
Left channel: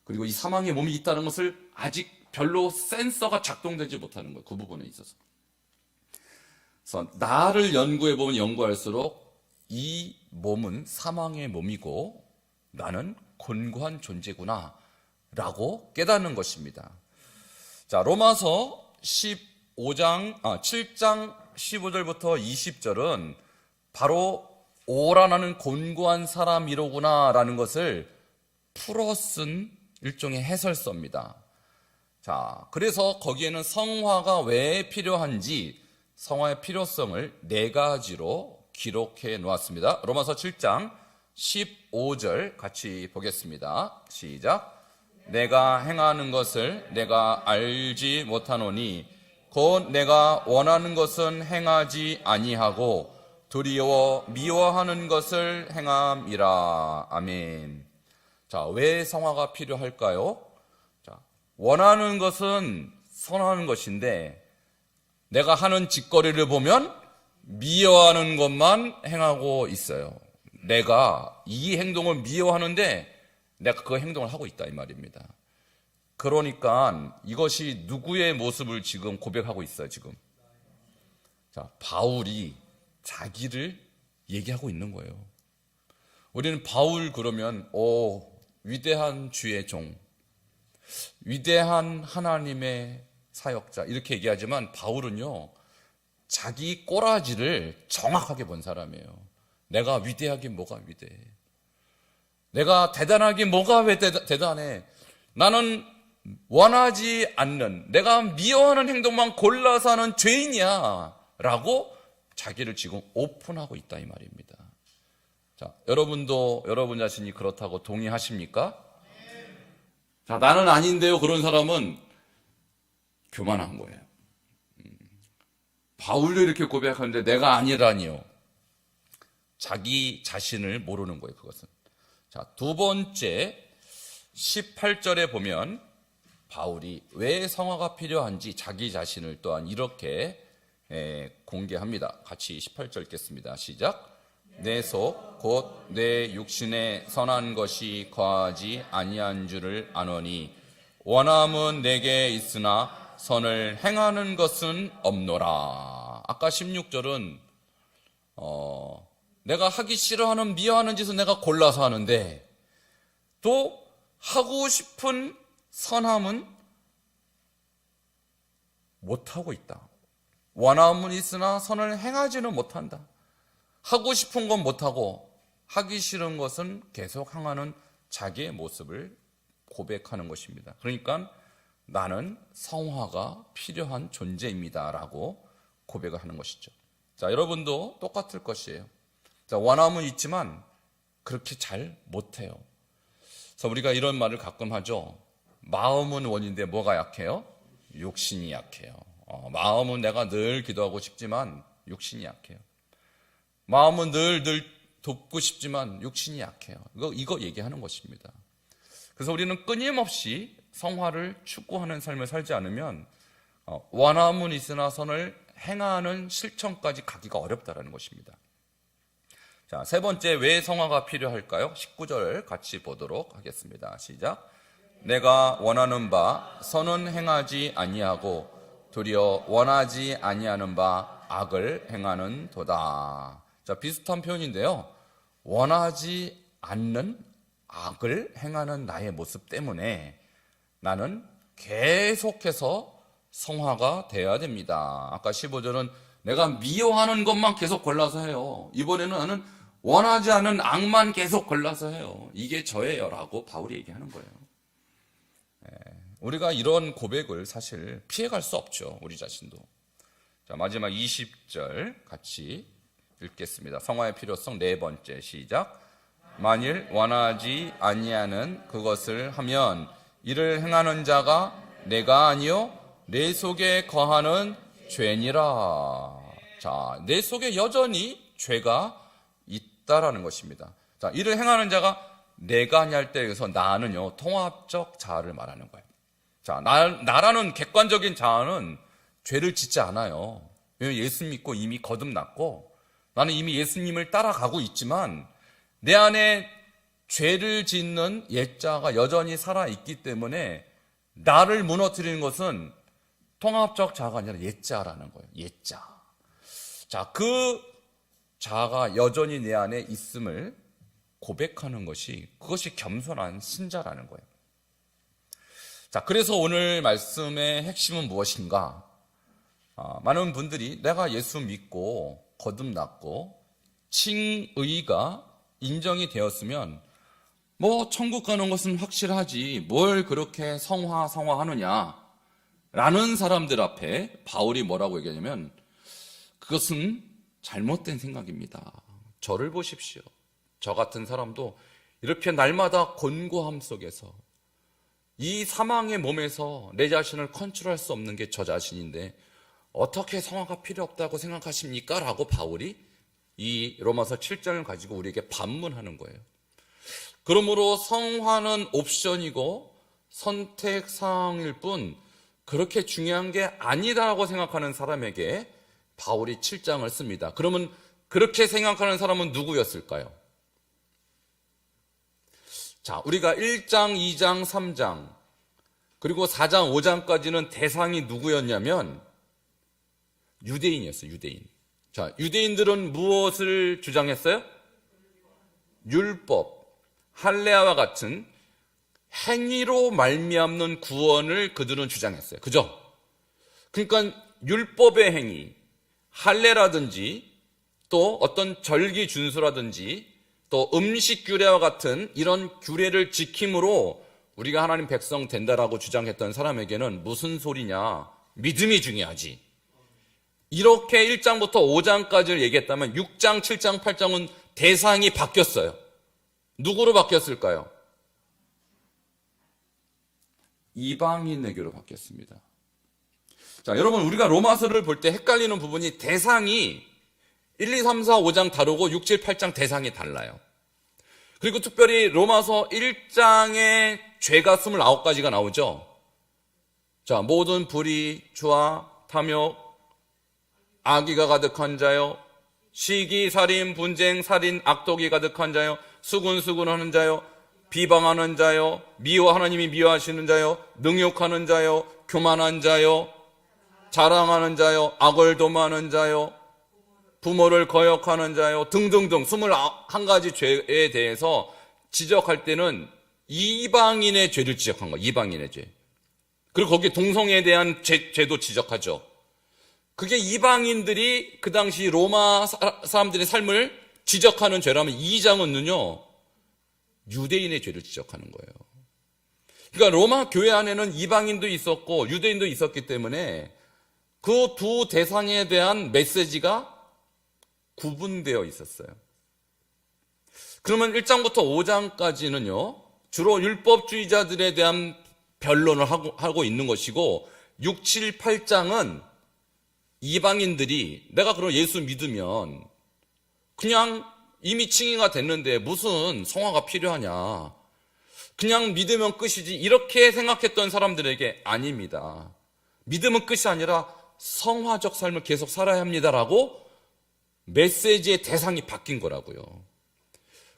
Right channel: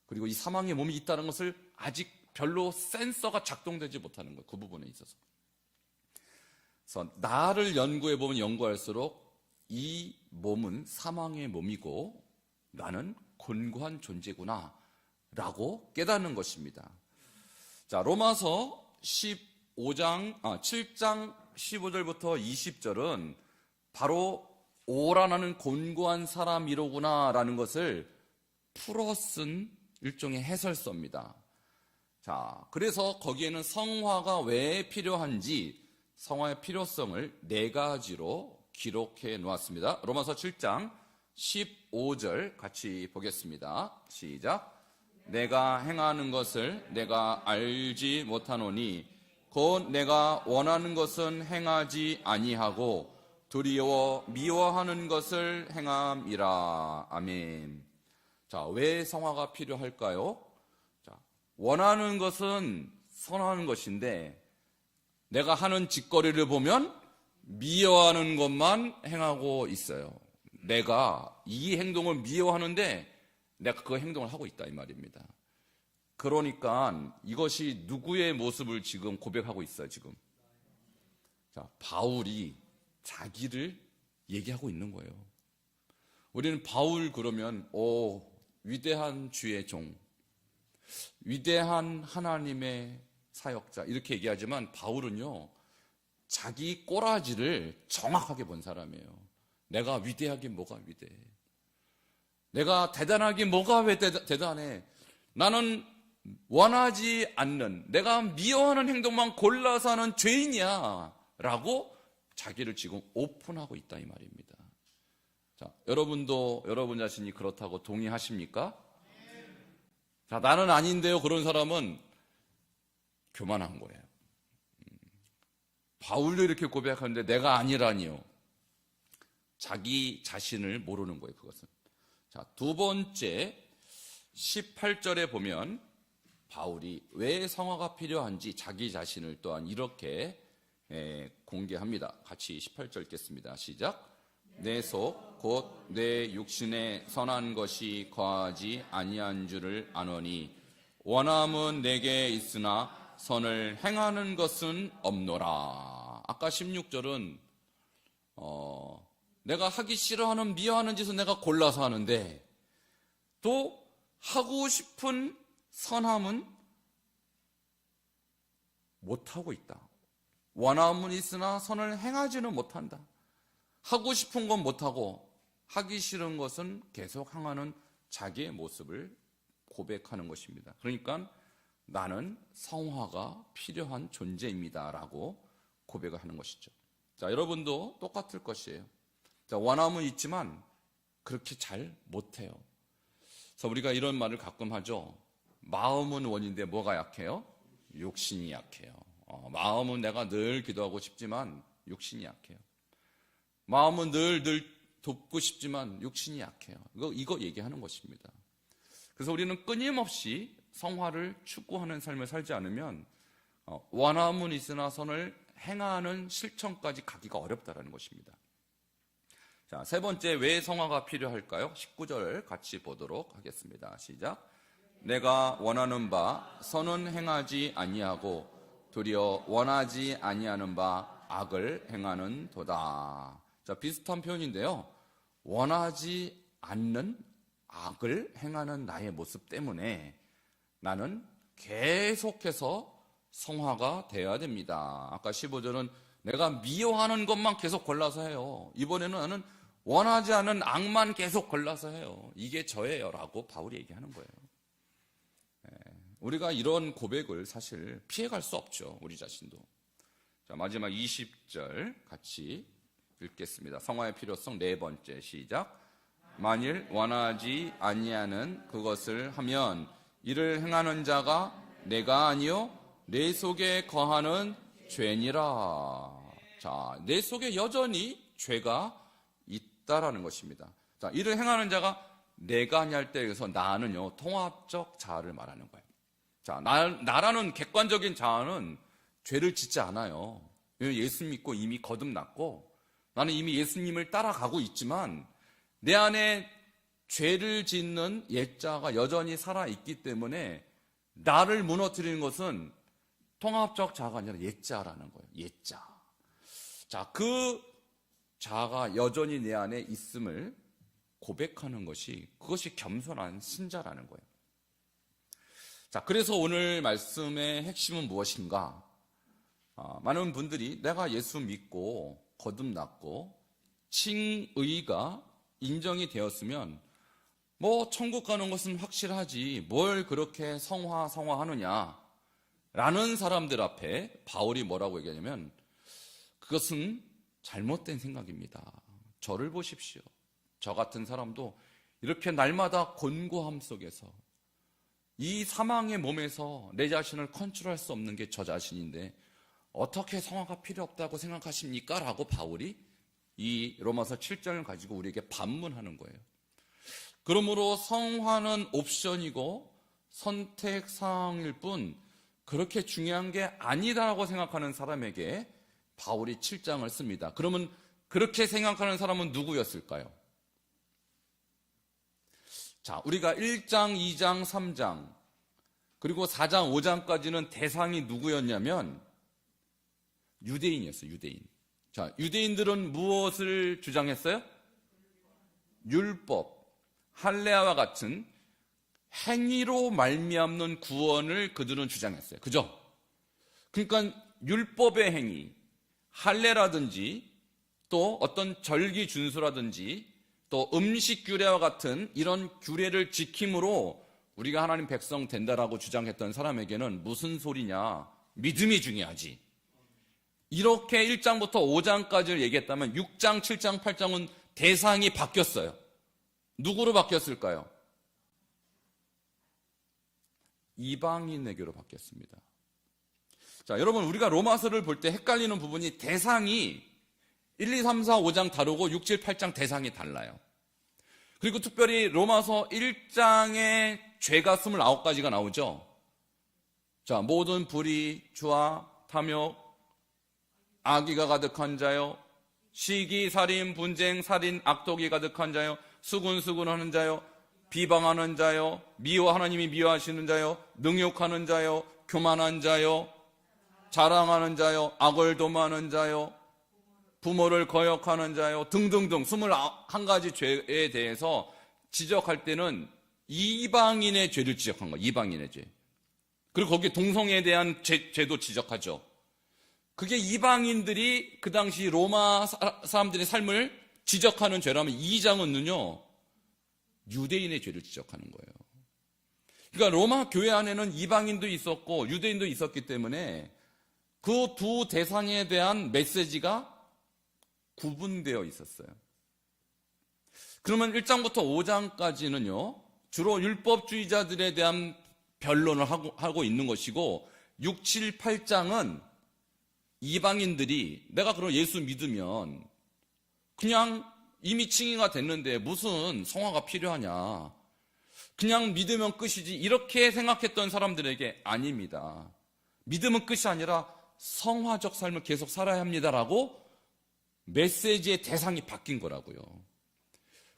그리고 이 사망의 몸이 있다는 것을 아직 별로 센서가 작동되지 못하는 거예요. 그 부분에 있어서. 그래서 나를 연구해보면 연구할수록 이 몸은 사망의 몸이고 나는 곤고한 존재구나 라고 깨닫는 것입니다. 자, 로마서 7장 15절부터 20절은 바로 오라 나는 곤고한 사람이로구나 라는 것을 풀어 쓴 일종의 해설서입니다. 자, 그래서 거기에는 성화가 왜 필요한지 성화의 필요성을 4가지로 기록해 놓았습니다. 로마서 7장 15절 같이 보겠습니다. 시작. 내가 행하는 것을 내가 알지 못하노니 곧 내가 원하는 것은 행하지 아니하고 두려워 미워하는 것을 행함이라. 아멘. 자, 왜 성화가 필요할까요? 자, 원하는 것은 선하는 것인데 내가 하는 짓거리를 보면 미워하는 것만 행하고 있어요. 내가 이 행동을 미워하는데 내가 그 행동을 하고 있다 이 말입니다. 그러니까 이것이 누구의 모습을 지금 고백하고 있어요 지금. 자, 바울이 자기를 얘기하고 있는 거예요. 우리는 바울 그러면 위대한 주의 종, 위대한 하나님의 사역자 이렇게 얘기하지만 바울은요 자기 꼬라지를 정확하게 본 사람이에요. 내가 위대하긴 뭐가 위대해. 내가 대단하긴 뭐가 왜 대단해. 나는 원하지 않는 내가 미워하는 행동만 골라서 하는 죄인이야 라고 자기를 지금 오픈하고 있다 이 말입니다. 자, 여러분도 여러분 자신이 그렇다고 동의하십니까? 자, 나는 아닌데요. 그런 사람은 교만한 거예요. 바울도 이렇게 고백하는데 내가 아니라니요. 자기 자신을 모르는 거예요. 그것은. 자, 두 번째 18절에 보면 바울이 왜 성화가 필요한지 자기 자신을 또한 이렇게 공개합니다. 같이 18절 읽겠습니다. 시작. 내 속 곧 내 육신에 선한 것이 거하지 아니한 줄을 아노니 원함은 내게 있으나 선을 행하는 것은 없노라. 아까 16절은 내가 하기 싫어하는 미워하는 짓을 내가 골라서 하는데 또 하고 싶은 선함은 못하고 있다. 원함은 있으나 선을 행하지는 못한다. 하고 싶은 건 못하고 하기 싫은 것은 계속 행하는 자기의 모습을 고백하는 것입니다. 그러니까 나는 성화가 필요한 존재입니다 라고 고백을 하는 것이죠. 자, 여러분도 똑같을 것이에요. 자, 원함은 있지만 그렇게 잘 못해요. 그래서 우리가 이런 말을 가끔 하죠. 마음은 원인데 뭐가 약해요? 욕심이 약해요. 마음은 내가 늘 기도하고 싶지만 욕심이 약해요. 마음은 늘 돕고 싶지만 욕심이 약해요. 이거 얘기하는 것입니다. 그래서 우리는 끊임없이 성화를 추구하는 삶을 살지 않으면 원함은 있으나 선을 행하는 실천까지 가기가 어렵다는 것입니다. 자, 세 번째, 왜 성화가 필요할까요? 19절 같이 보도록 하겠습니다. 시작. 내가 원하는 바 선은 행하지 아니하고 도리어 원하지 아니하는 바 악을 행하는 도다. 자, 비슷한 표현인데요. 원하지 않는 악을 행하는 나의 모습 때문에 나는 계속해서 성화가 되어야 됩니다. 아까 15절은 내가 미워하는 것만 계속 골라서 해요. 이번에는 나는 원하지 않은 악만 계속 골라서 해요. 이게 저예요 라고 바울이 얘기하는 거예요. 우리가 이런 고백을 사실 피해갈 수 없죠. 우리 자신도. 자, 마지막 20절 같이 읽겠습니다. 성화의 필요성 네 번째. 시작. 만일 원하지 아니하는 그것을 하면 이를 행하는 자가 내가 아니요 내 속에 거하는 죄니라. 자, 내 속에 여전히 죄가 있다라는 것입니다. 자, 이를 행하는 자가 내가 아니할 때 여기서 나는요 통합적 자아를 말하는 거예요. 자, 나라는 객관적인 자아는 죄를 짓지 않아요. 왜냐하면 예수 믿고 이미 거듭났고 나는 이미 예수님을 따라가고 있지만 내 안에 죄를 짓는 옛자가 여전히 살아있기 때문에 나를 무너뜨리는 것은 통합적 자아가 아니라 옛자라는 거예요. 옛자. 자, 그 자아가 여전히 내 안에 있음을 고백하는 그것이 겸손한 신자라는 거예요. 자, 그래서 오늘 말씀의 핵심은 무엇인가? 많은 분들이 내가 예수 믿고 거듭났고 칭의가 인정이 되었으면 뭐 천국 가는 것은 확실하지 뭘 그렇게 성화하느냐 라는 사람들 앞에 바울이 뭐라고 얘기하냐면 그것은 잘못된 생각입니다. 저를 보십시오. 저 같은 사람도 이렇게 날마다 곤고함 속에서 이 사망의 몸에서 내 자신을 컨트롤할 수 없는 게 저 자신인데 어떻게 성화가 필요 없다고 생각하십니까? 라고 바울이 이 로마서 7장을 가지고 우리에게 반문하는 거예요. 그러므로 성화는 옵션이고 선택사항일 뿐 그렇게 중요한 게 아니다라고 생각하는 사람에게 바울이 7장을 씁니다. 그러면 그렇게 생각하는 사람은 누구였을까요? 자, 우리가 1장, 2장, 3장 그리고 4장, 5장까지는 대상이 누구였냐면 유대인이었어요. 유대인. 자, 유대인들은 무엇을 주장했어요? 율법, 할례와 같은 행위로 말미암는 구원을 그들은 주장했어요. 그죠? 그러니까 율법의 행위, 할례라든지 또 어떤 절기 준수라든지 또 음식 규례와 같은 이런 규례를 지킴으로 우리가 하나님 백성 된다라고 주장했던 사람에게는 무슨 소리냐? 믿음이 중요하지. 이렇게 1장부터 5장까지를 얘기했다면 6장, 7장, 8장은 대상이 바뀌었어요. 누구로 바뀌었을까요? 이방인에게로 바뀌었습니다. 자, 여러분 우리가 로마서를 볼 때 헷갈리는 부분이 대상이 1, 2, 3, 4, 5장 다르고 6, 7, 8장 대상이 달라요. 그리고 특별히 로마서 1장의 죄가 29가지가 나오죠. 자, 모든 불의, 주와, 탐욕, 악의가 가득한 자요, 시기, 살인, 분쟁, 살인, 악독이 가득한 자요, 수군수군하는 자요, 비방하는 자요, 하나님이 미워하시는 자요, 능욕하는 자요, 교만한 자요, 자랑하는 자요, 악을 도모하는 자요, 부모를 거역하는 자요, 등등등 21가지 죄에 대해서 지적할 때는 이방인의 죄를 지적한 거예요. 이방인의 죄. 그리고 거기에 동성애에 대한 죄도 지적하죠. 그게 이방인들이 그 당시 로마 사람들의 삶을 지적하는 죄라면 2장은요 유대인의 죄를 지적하는 거예요. 그러니까 로마 교회 안에는 이방인도 있었고 유대인도 있었기 때문에 그 두 대상에 대한 메시지가 구분되어 있었어요. 그러면 1장부터 5장까지는요 주로 율법주의자들에 대한 변론을 하고 있는 것이고 6, 7, 8장은 이방인들이 내가 그럼 예수 믿으면 그냥 이미 칭의가 됐는데 무슨 성화가 필요하냐, 그냥 믿으면 끝이지, 이렇게 생각했던 사람들에게 아닙니다. 믿으면 끝이 아니라 성화적 삶을 계속 살아야 합니다라고 메시지의 대상이 바뀐 거라고요.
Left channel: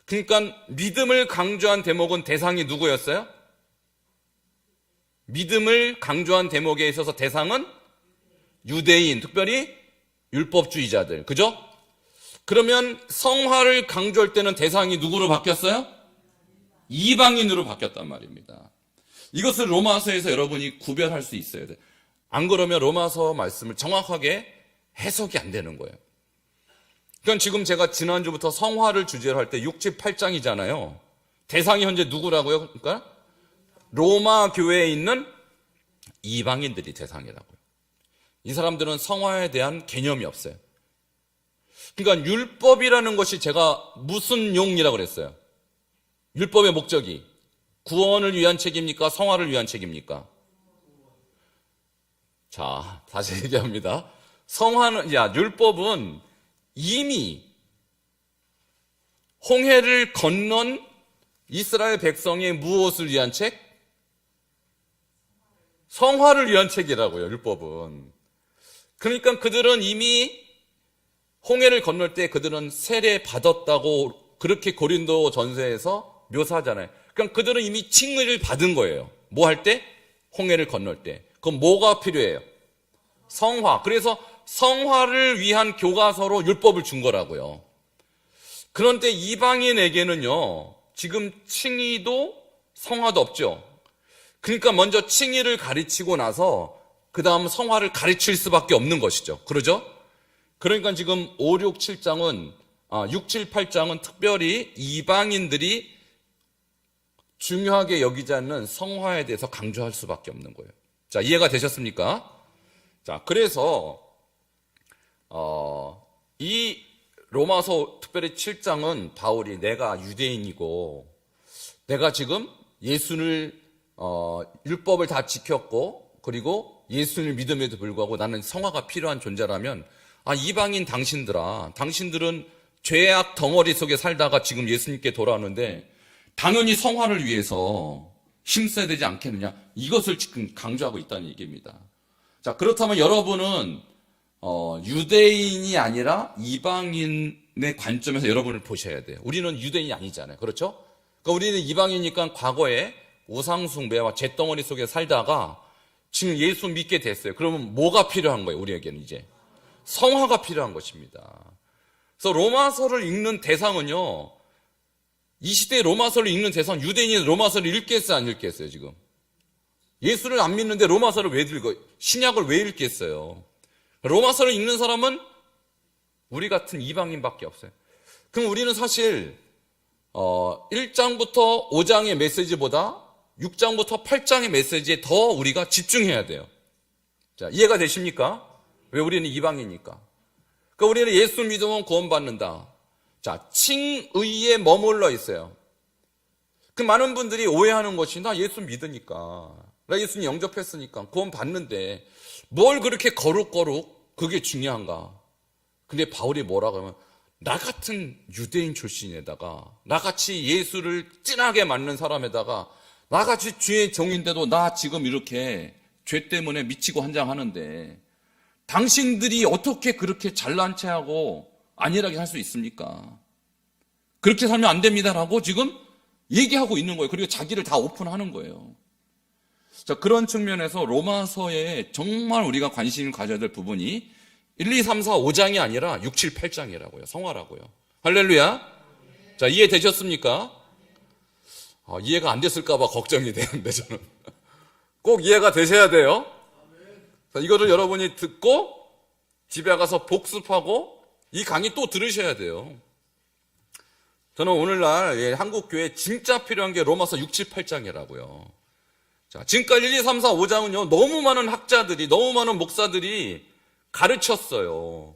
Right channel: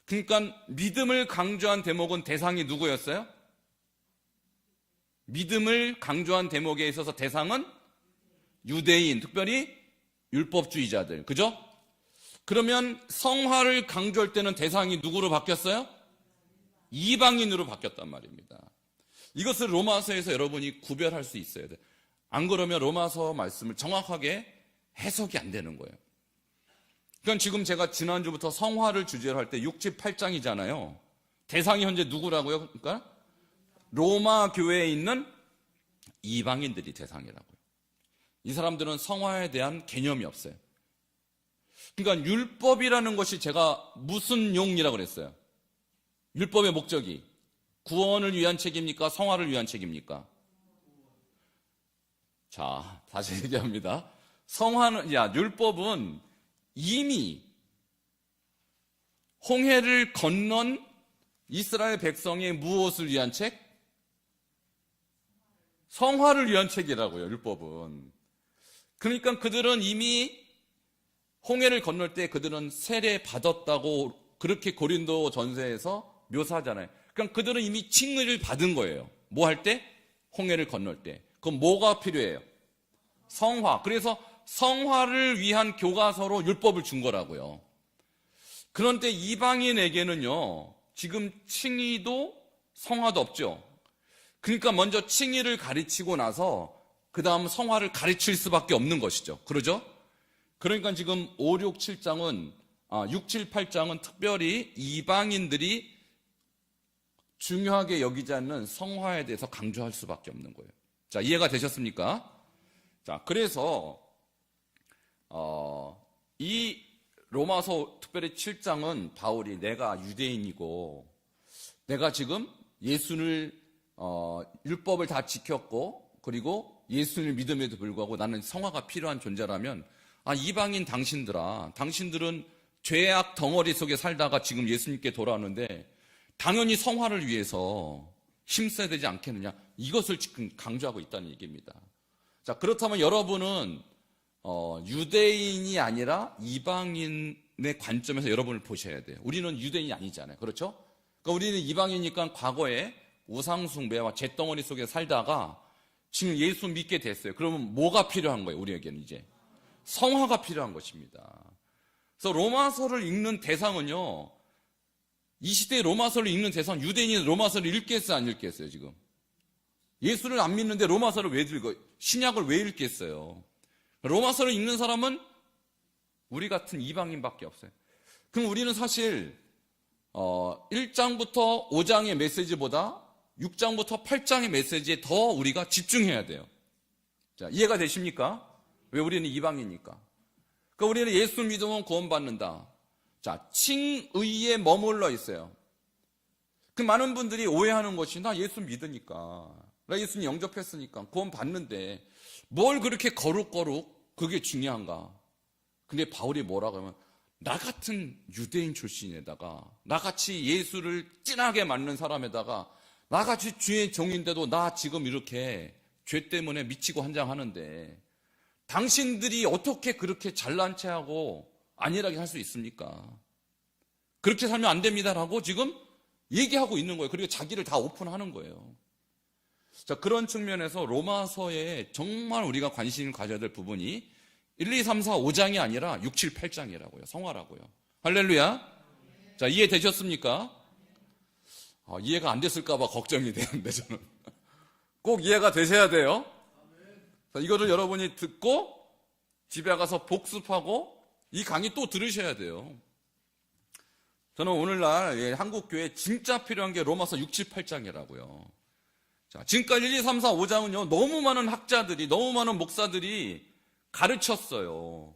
그러니까 믿음을 강조한 대목은 대상이 누구였어요? 믿음을 강조한 대목에 있어서 대상은 유대인, 특별히 율법주의자들, 그죠? 그러면 성화를 강조할 때는 대상이 누구로 바뀌었어요? 이방인으로 바뀌었단 말입니다. 이것을 로마서에서 여러분이 구별할 수 있어야 돼요. 안 그러면 로마서 말씀을 정확하게 해석이 안 되는 거예요. 그러니까 지금 제가 지난주부터 성화를 주제로 할 때 6, 7, 8장이잖아요. 대상이 현재 누구라고요? 그러니까 로마 교회에 있는 이방인들이 대상이라고요. 이 사람들은 성화에 대한 개념이 없어요. 그러니까 율법이라는 것이 제가 무슨 용이라고 그랬어요? 율법의 목적이 구원을 위한 책입니까? 성화를 위한 책입니까? 자, 다시 얘기합니다. 율법은 이미 홍해를 건넌 이스라엘 백성의 무엇을 위한 책? 성화를 위한 책이라고요, 율법은. 그러니까 그들은 이미 홍해를 건널 때 그들은 세례 받았다고 그렇게 고린도 전서에서 묘사하잖아요. 그러니까 그들은 이미 칭의를 받은 거예요. 뭐 할 때? 홍해를 건널 때. 그럼 뭐가 필요해요? 성화. 그래서 성화를 위한 교과서로 율법을 준 거라고요. 그런데 이방인에게는요, 지금 칭의도 성화도 없죠. 그러니까 먼저 칭의를 가르치고 나서 그 다음 성화를 가르칠 수밖에 없는 것이죠. 그러죠? 그러니까 지금 5, 6, 7장은 6, 7, 8장은 특별히 이방인들이 중요하게 여기지 않는 성화에 대해서 강조할 수밖에 없는 거예요. 자, 이해가 되셨습니까? 자, 그래서 이 로마서 특별히 7장은 바울이 내가 유대인이고 내가 지금 예수를 율법을 다 지켰고 그리고 예수를 믿음에도 불구하고 나는 성화가 필요한 존재라면 이방인 당신들은 죄악 덩어리 속에 살다가 지금 예수님께 돌아오는데 당연히 성화를 위해서 힘써야 되지 않겠느냐, 이것을 지금 강조하고 있다는 얘기입니다. 자, 그렇다면 여러분은 유대인이 아니라 이방인의 관점에서 여러분을 보셔야 돼요. 우리는 유대인이 아니잖아요. 그렇죠? 그러니까 우리는 이방이니까 과거에 우상숭배와 잿덩어리 속에 살다가 지금 예수 믿게 됐어요. 그러면 뭐가 필요한 거예요? 우리에게는 이제 성화가 필요한 것입니다. 그래서 로마서를 읽는 대상은요, 이 시대에 로마서를 읽는 대상, 유대인이 로마서를 읽겠어요, 안 읽겠어요? 지금 예수를 안 믿는데 로마서를 왜 읽어요? 신약을 왜 읽겠어요? 로마서를 읽는 사람은 우리 같은 이방인밖에 없어요. 그럼 우리는 사실 1장부터 5장의 메시지보다 6장부터 8장의 메시지에 더 우리가 집중해야 돼요. 자, 이해가 되십니까? 왜? 우리는 이방이니까. 그러니까 우리는 예수 믿으면 구원받는다. 자, 칭의에 머물러 있어요. 그 많은 분들이 오해하는 것이 나 예수 믿으니까, 나 예수님 영접했으니까 구원받는데 뭘 그렇게 거룩거룩 그게 중요한가? 근데 바울이 뭐라고 하면 나 같은 유대인 출신에다가 나같이 예수를 찐하게 맞는 사람에다가 나같이 죄의 종인데도 나 지금 이렇게 죄 때문에 미치고 한장하는데 당신들이 어떻게 그렇게 잘난 체하고 안일하게 살 수 있습니까? 그렇게 살면 안 됩니다라고 지금 얘기하고 있는 거예요. 그리고 자기를 다 오픈하는 거예요. 자, 그런 측면에서 로마서에 정말 우리가 관심 가져야 될 부분이 1, 2, 3, 4, 5장이 아니라 6, 7, 8장이라고요. 성화라고요. 할렐루야. 자, 이해되셨습니까? 이해가 안 됐을까 봐 걱정이 되는데 저는 꼭 이해가 되셔야 돼요. 자, 이거를 여러분이 듣고 집에 가서 복습하고 이 강의 또 들으셔야 돼요. 저는 오늘날 한국교회에 진짜 필요한 게 로마서 6, 7, 8장이라고요. 자, 지금까지 1, 2, 3, 4, 5장은요 너무 많은 학자들이, 너무 많은 목사들이 가르쳤어요.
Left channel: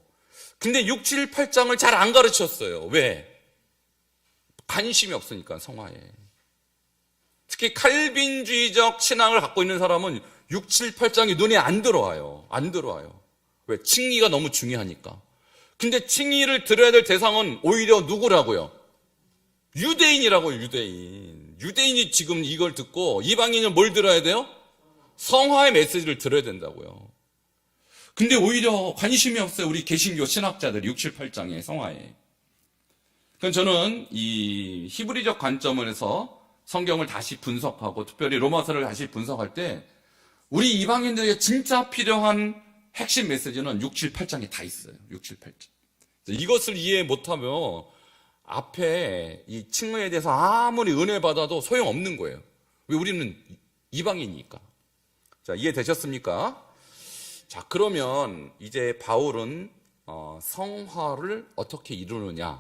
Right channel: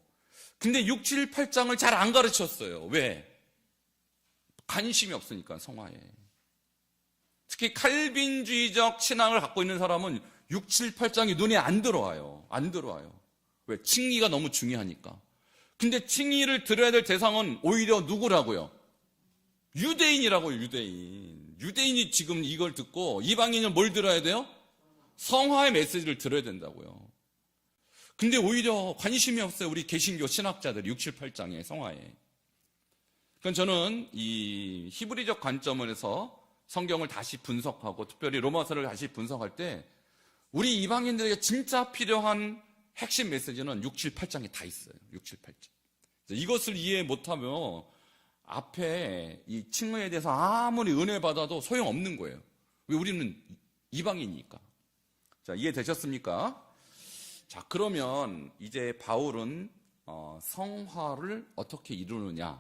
근데 6, 7, 8장을 잘 안 가르쳤어요. 왜? 관심이 없으니까, 성화에. 특히 칼빈주의적 신앙을 갖고 있는 사람은 6, 7, 8장이 눈에 안 들어와요. 안 들어와요. 왜? 칭의가 너무 중요하니까. 근데 칭의를 들어야 될 대상은 오히려 누구라고요? 유대인이라고요, 유대인. 유대인이 지금 이걸 듣고 이방인은 뭘 들어야 돼요? 성화의 메시지를 들어야 된다고요. 근데 오히려 관심이 없어요. 우리 개신교 신학자들이 6, 7, 8장의 성화에. 그럼 저는 이 히브리적 관점에서 성경을 다시 분석하고 특별히 로마서를 다시 분석할 때 우리 이방인들에게 진짜 필요한 핵심 메시지는 6, 7, 8장에 다 있어요. 6, 7, 8장. 이것을 이해 못하면 앞에 이 칭의에 대해서 아무리 은혜 받아도 소용없는 거예요. 왜? 우리는 이방인이니까. 자, 이해되셨습니까? 자, 그러면 이제 바울은 성화를 어떻게 이루느냐에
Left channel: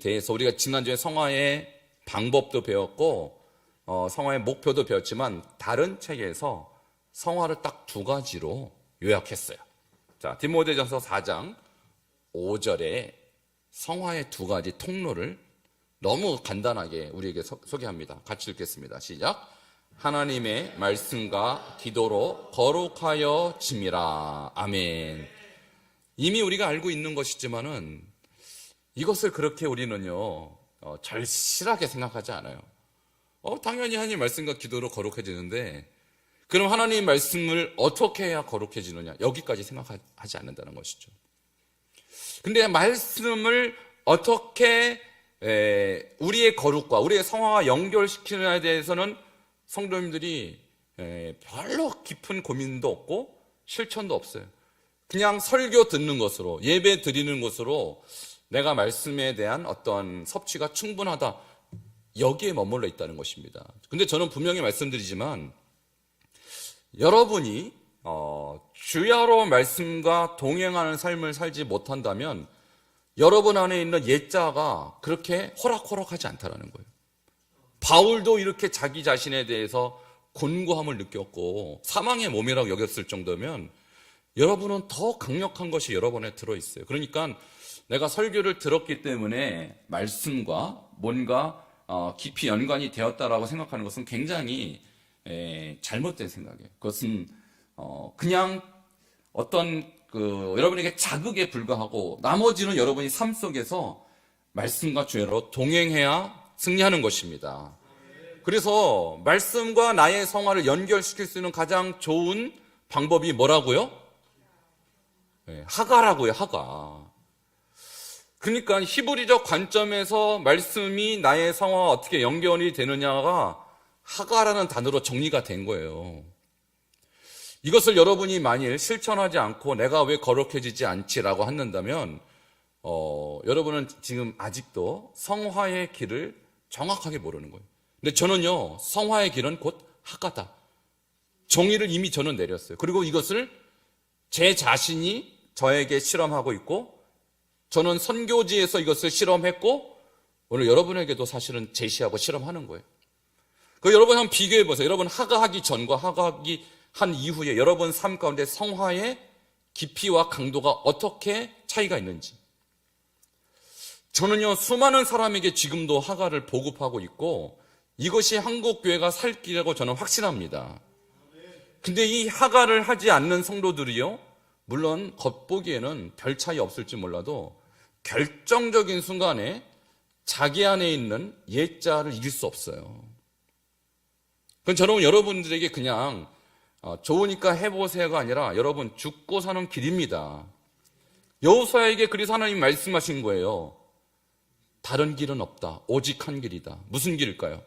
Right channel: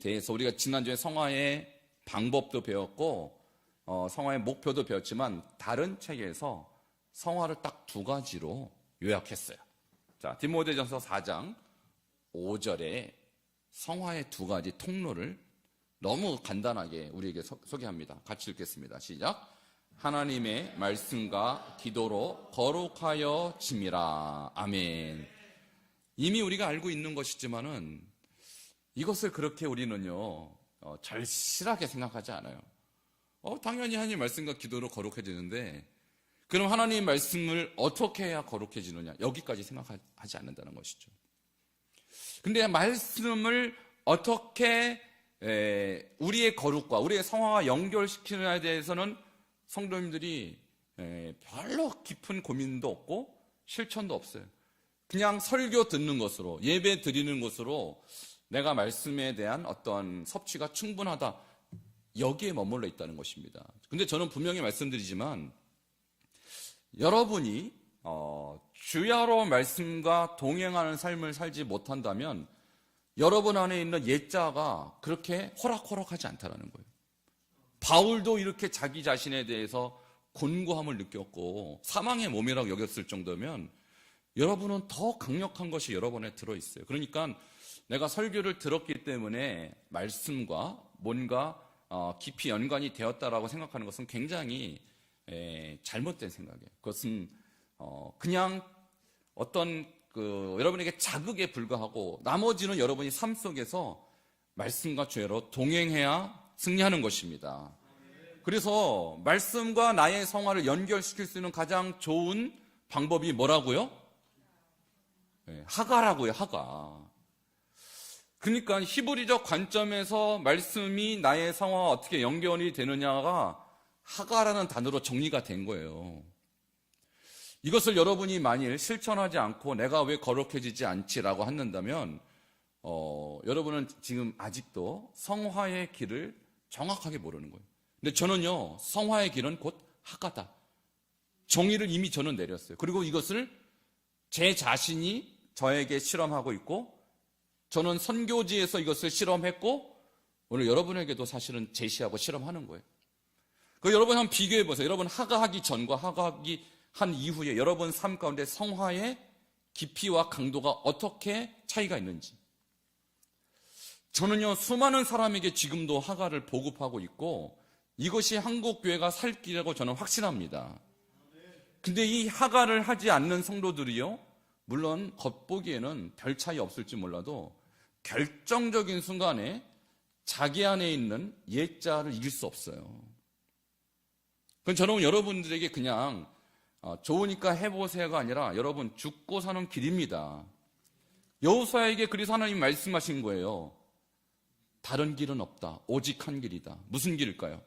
대해서 우리가 지난주에 성화의 방법도 배웠고 성화의 목표도 배웠지만 다른 책에서 성화를 딱 두 가지로 요약했어요. 자, 디모데전서 4장 5절에 성화의 두 가지 통로를 너무 간단하게 우리에게 소개합니다. 같이 읽겠습니다. 시작. 하나님의 말씀과 기도로 거룩하여 짐이라. 아멘. 이미 우리가 알고 있는 것이지만은 이것을 그렇게 우리는요 절실하게 생각하지 않아요. 당연히 하나님 말씀과 기도로 거룩해지는데 그럼 하나님 말씀을 어떻게 해야 거룩해지느냐, 여기까지 생각하지 않는다는 것이죠. 근데 말씀을 어떻게 우리의 거룩과 우리의 성화와 연결시키느냐에 대해서는 성도님들이 별로 깊은 고민도 없고 실천도 없어요. 그냥 설교 듣는 것으로, 예배 드리는 것으로 내가 말씀에 대한 어떤 섭취가 충분하다, 여기에 머물러 있다는 것입니다. 근데 저는 분명히 말씀드리지만 여러분이 주야로 말씀과 동행하는 삶을 살지 못한다면 여러분 안에 있는 옛자가 그렇게 호락호락하지 않다는 거예요. 바울도 이렇게 자기 자신에 대해서 곤고함을 느꼈고 사망의 몸이라고 여겼을 정도면 여러분은 더 강력한 것이 여러분에 들어있어요. 그러니까 내가 설교를 들었기 때문에 말씀과 뭔가 깊이 연관이 되었다라고 생각하는 것은 굉장히 잘못된 생각이에요. 그것은 그냥 어떤 여러분에게 자극에 불과하고 나머지는 여러분이 삶 속에서 말씀과 죄로 동행해야 승리하는 것입니다. 그래서 말씀과 나의 성화를 연결시킬 수 있는 가장 좋은 방법이 뭐라고요? 하가라고요, 하가. 그러니까 히브리적 관점에서 말씀이 나의 성화와 어떻게 연결이 되느냐가 하가라는 단어로 정리가 된 거예요. 이것을 여러분이 만일 실천하지 않고 내가 왜 거룩해지지 않지라고 한다면 여러분은 지금 아직도 성화의 길을 정확하게 모르는 거예요. 근데 저는요, 성화의 길은 곧 하가다. 정의를 이미 저는 내렸어요. 그리고 이것을 제 자신이 저에게 실험하고 있고 저는 선교지에서 이것을 실험했고 오늘 여러분에게도 사실은 제시하고 실험하는 거예요. 여러분 한번 비교해 보세요. 여러분 하가하기 전과 하가하기 한 이후에 여러분 삶 가운데 성화의 깊이와 강도가 어떻게 차이가 있는지. 저는요, 수많은 사람에게 지금도 하가를 보급하고 있고 이것이 한국 교회가 살 길이라고 저는 확신합니다. 근데 이 하가를 하지 않는 성도들이요, 물론 겉보기에는 별 차이 없을지 몰라도 결정적인 순간에 자기 안에 있는 옛자를 이길 수 없어요. 그건 저는 여러분들에게 그냥 좋으니까 해보세요가 아니라 여러분 죽고 사는 길입니다. 여호수아에게 그래서 하나님 말씀하신 거예요. 다른 길은 없다. 오직 한 길이다. 무슨 길일까요?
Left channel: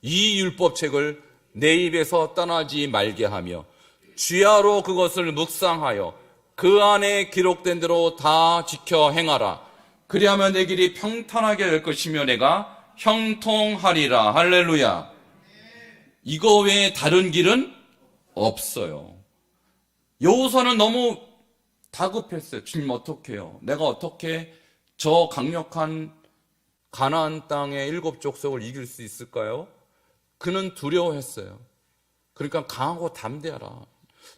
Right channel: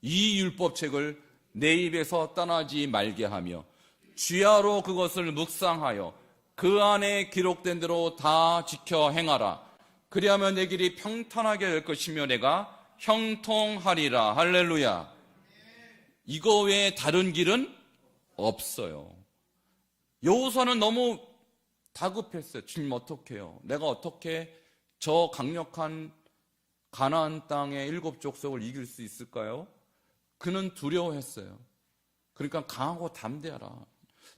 이 율법책을 내 입에서 떠나지 말게 하며 주야로 그것을 묵상하여 그 안에 기록된 대로 다 지켜 행하라. 그리하면 내 길이 평탄하게 될 것이며 내가 형통하리라. 할렐루야. 이거 외에 다른 길은 없어요. 여호수아는 너무 다급했어요. 주님 어떡해요? 내가 어떻게 저 강력한 가나안 땅의 7 족속을 이길 수 있을까요? 그는 두려워했어요. 그러니까 강하고 담대하라.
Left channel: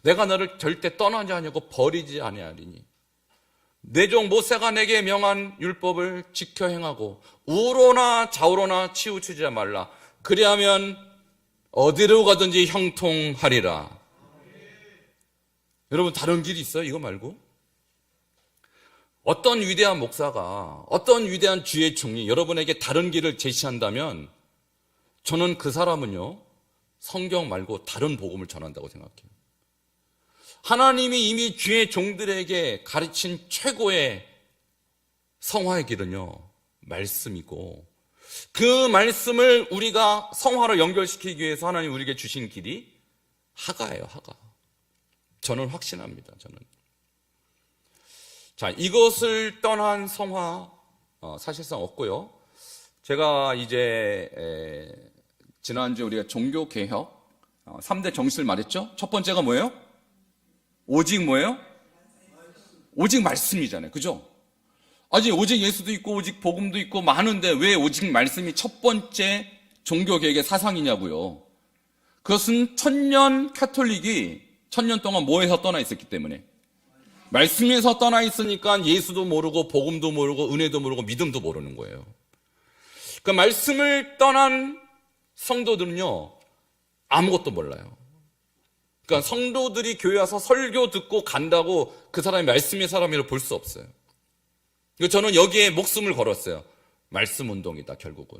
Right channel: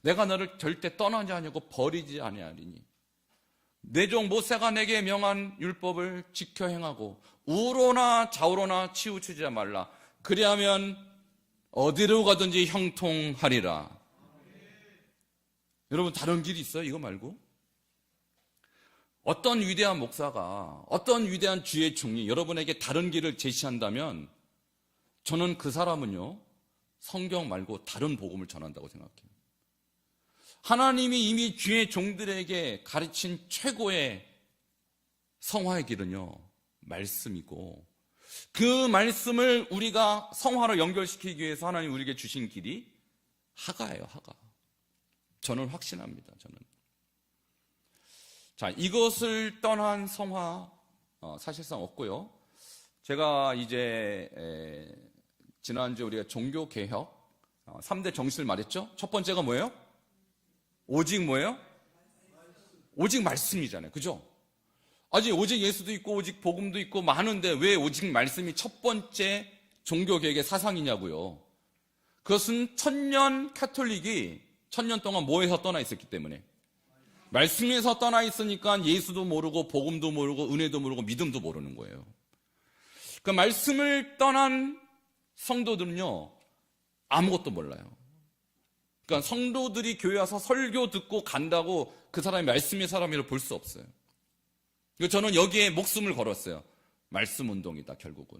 내가 너를 절대 떠나지 아니하고 버리지 아니하리니 내 종 모세가 내게 명한 율법을 지켜 행하고 우로나 좌우로나 치우치지 말라. 그리하면 어디로 가든지 형통하리라. 여러분 다른 길이 있어요? 이거 말고? 어떤 위대한 목사가 어떤 위대한 주의 종이 여러분에게 다른 길을 제시한다면 저는 그 사람은요 성경 말고 다른 복음을 전한다고 생각해요. 하나님이 이미 주의 종들에게 가르친 최고의 성화의 길은요 말씀이고 그 말씀을 우리가 성화로 연결시키기 위해서 하나님 우리에게 주신 길이 하가예요. 하가. 저는 확신합니다. 저는. 자, 이것을 떠난 성화 사실상 없고요. 제가 이제 지난주에 우리가 종교개혁 3대 정신을 말했죠. 첫 번째가 뭐예요? 오직 뭐예요? 오직 말씀이잖아요. 그죠? 아직 오직 예수도 있고 오직 복음도 있고 많은데 왜 오직 말씀이 첫 번째 종교개혁의 사상이냐고요. 그것은 천년 카톨릭이 천년 동안 뭐에서 떠나 있었기 때문에 말씀에서 떠나 있으니까 예수도 모르고 복음도 모르고 은혜도 모르고 믿음도 모르는 거예요. 그 말씀을 떠난 성도들은요 아무것도 몰라요. 그러니까 성도들이 교회 와서 설교 듣고 간다고 그 사람이 말씀의 사람이라고 볼 수 없어요. 저는 여기에 목숨을 걸었어요. 말씀 운동이다 결국은.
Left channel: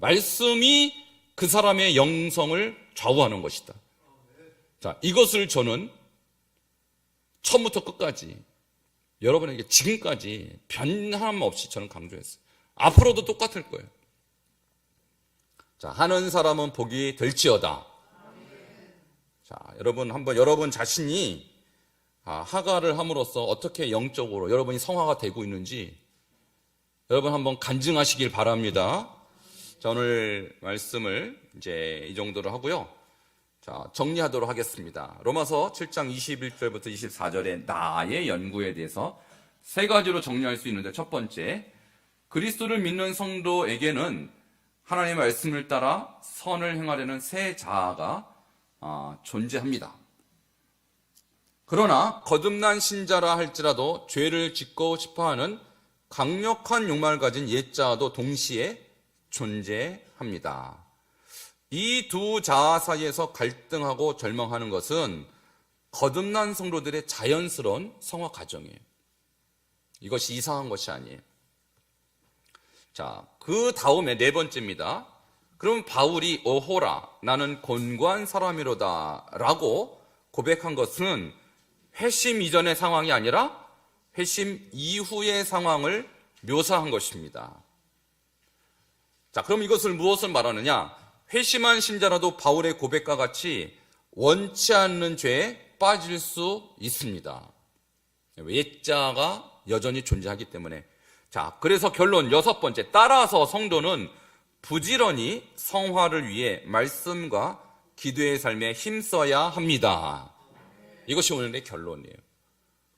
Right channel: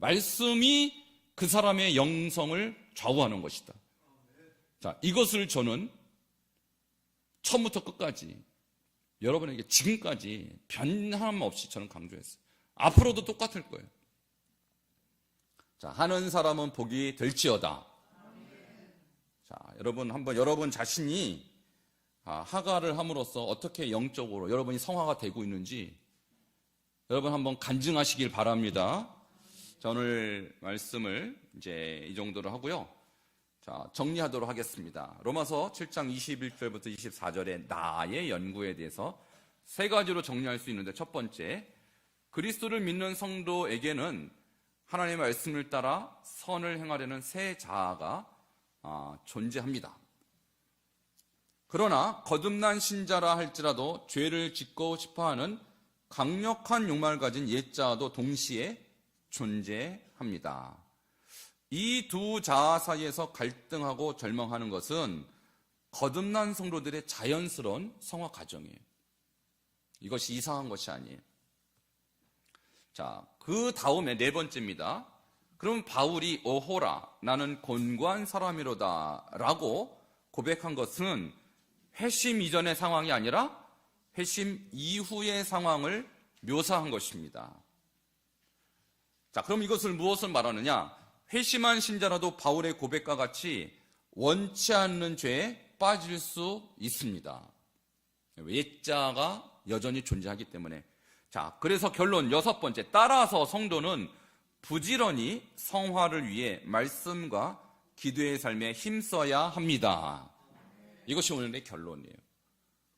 말씀이 그 사람의 영성을 좌우하는 것이다. 자, 이것을 저는 처음부터 끝까지 여러분에게 지금까지 변함 없이 저는 강조했어요. 앞으로도 똑같을 거예요. 자, 하는 사람은 복이 될지어다. 자, 여러분 한번 여러분 자신이 하가를 함으로써 어떻게 영적으로 여러분이 성화가 되고 있는지 여러분 한번 간증하시길 바랍니다. 자, 오늘 말씀을 이제 이 정도로 하고요. 자, 정리하도록 하겠습니다. 로마서 7장 21절부터 24절에 나의 연구에 대해서 세 가지로 정리할 수 있는데 첫 번째, 그리스도를 믿는 성도에게는 하나님의 말씀을 따라 선을 행하려는 새 자아가 존재합니다. 그러나 거듭난 신자라 할지라도 죄를 짓고 싶어하는 강력한 욕망을 가진 옛자아도 동시에 존재합니다. 이 두 자아 사이에서 갈등하고 절망하는 것은 거듭난 성도들의 자연스러운 성화 과정이에요. 이것이 이상한 것이 아니에요. 자, 그 다음에 네 번째입니다. 그럼 바울이 오호라 나는 곤고한 사람이로다 라고 고백한 것은 회심 이전의 상황이 아니라 회심 이후의 상황을 묘사한 것입니다. 자, 그럼 이것을 무엇을 말하느냐? 회심한 신자라도 바울의 고백과 같이 원치 않는 죄에 빠질 수 있습니다. 옛자가 여전히 존재하기 때문에. 자, 그래서 결론 여섯 번째, 따라서 성도는 부지런히 성화를 위해 말씀과 기도의 삶에 힘써야 합니다. 이것이 오늘의 결론이에요.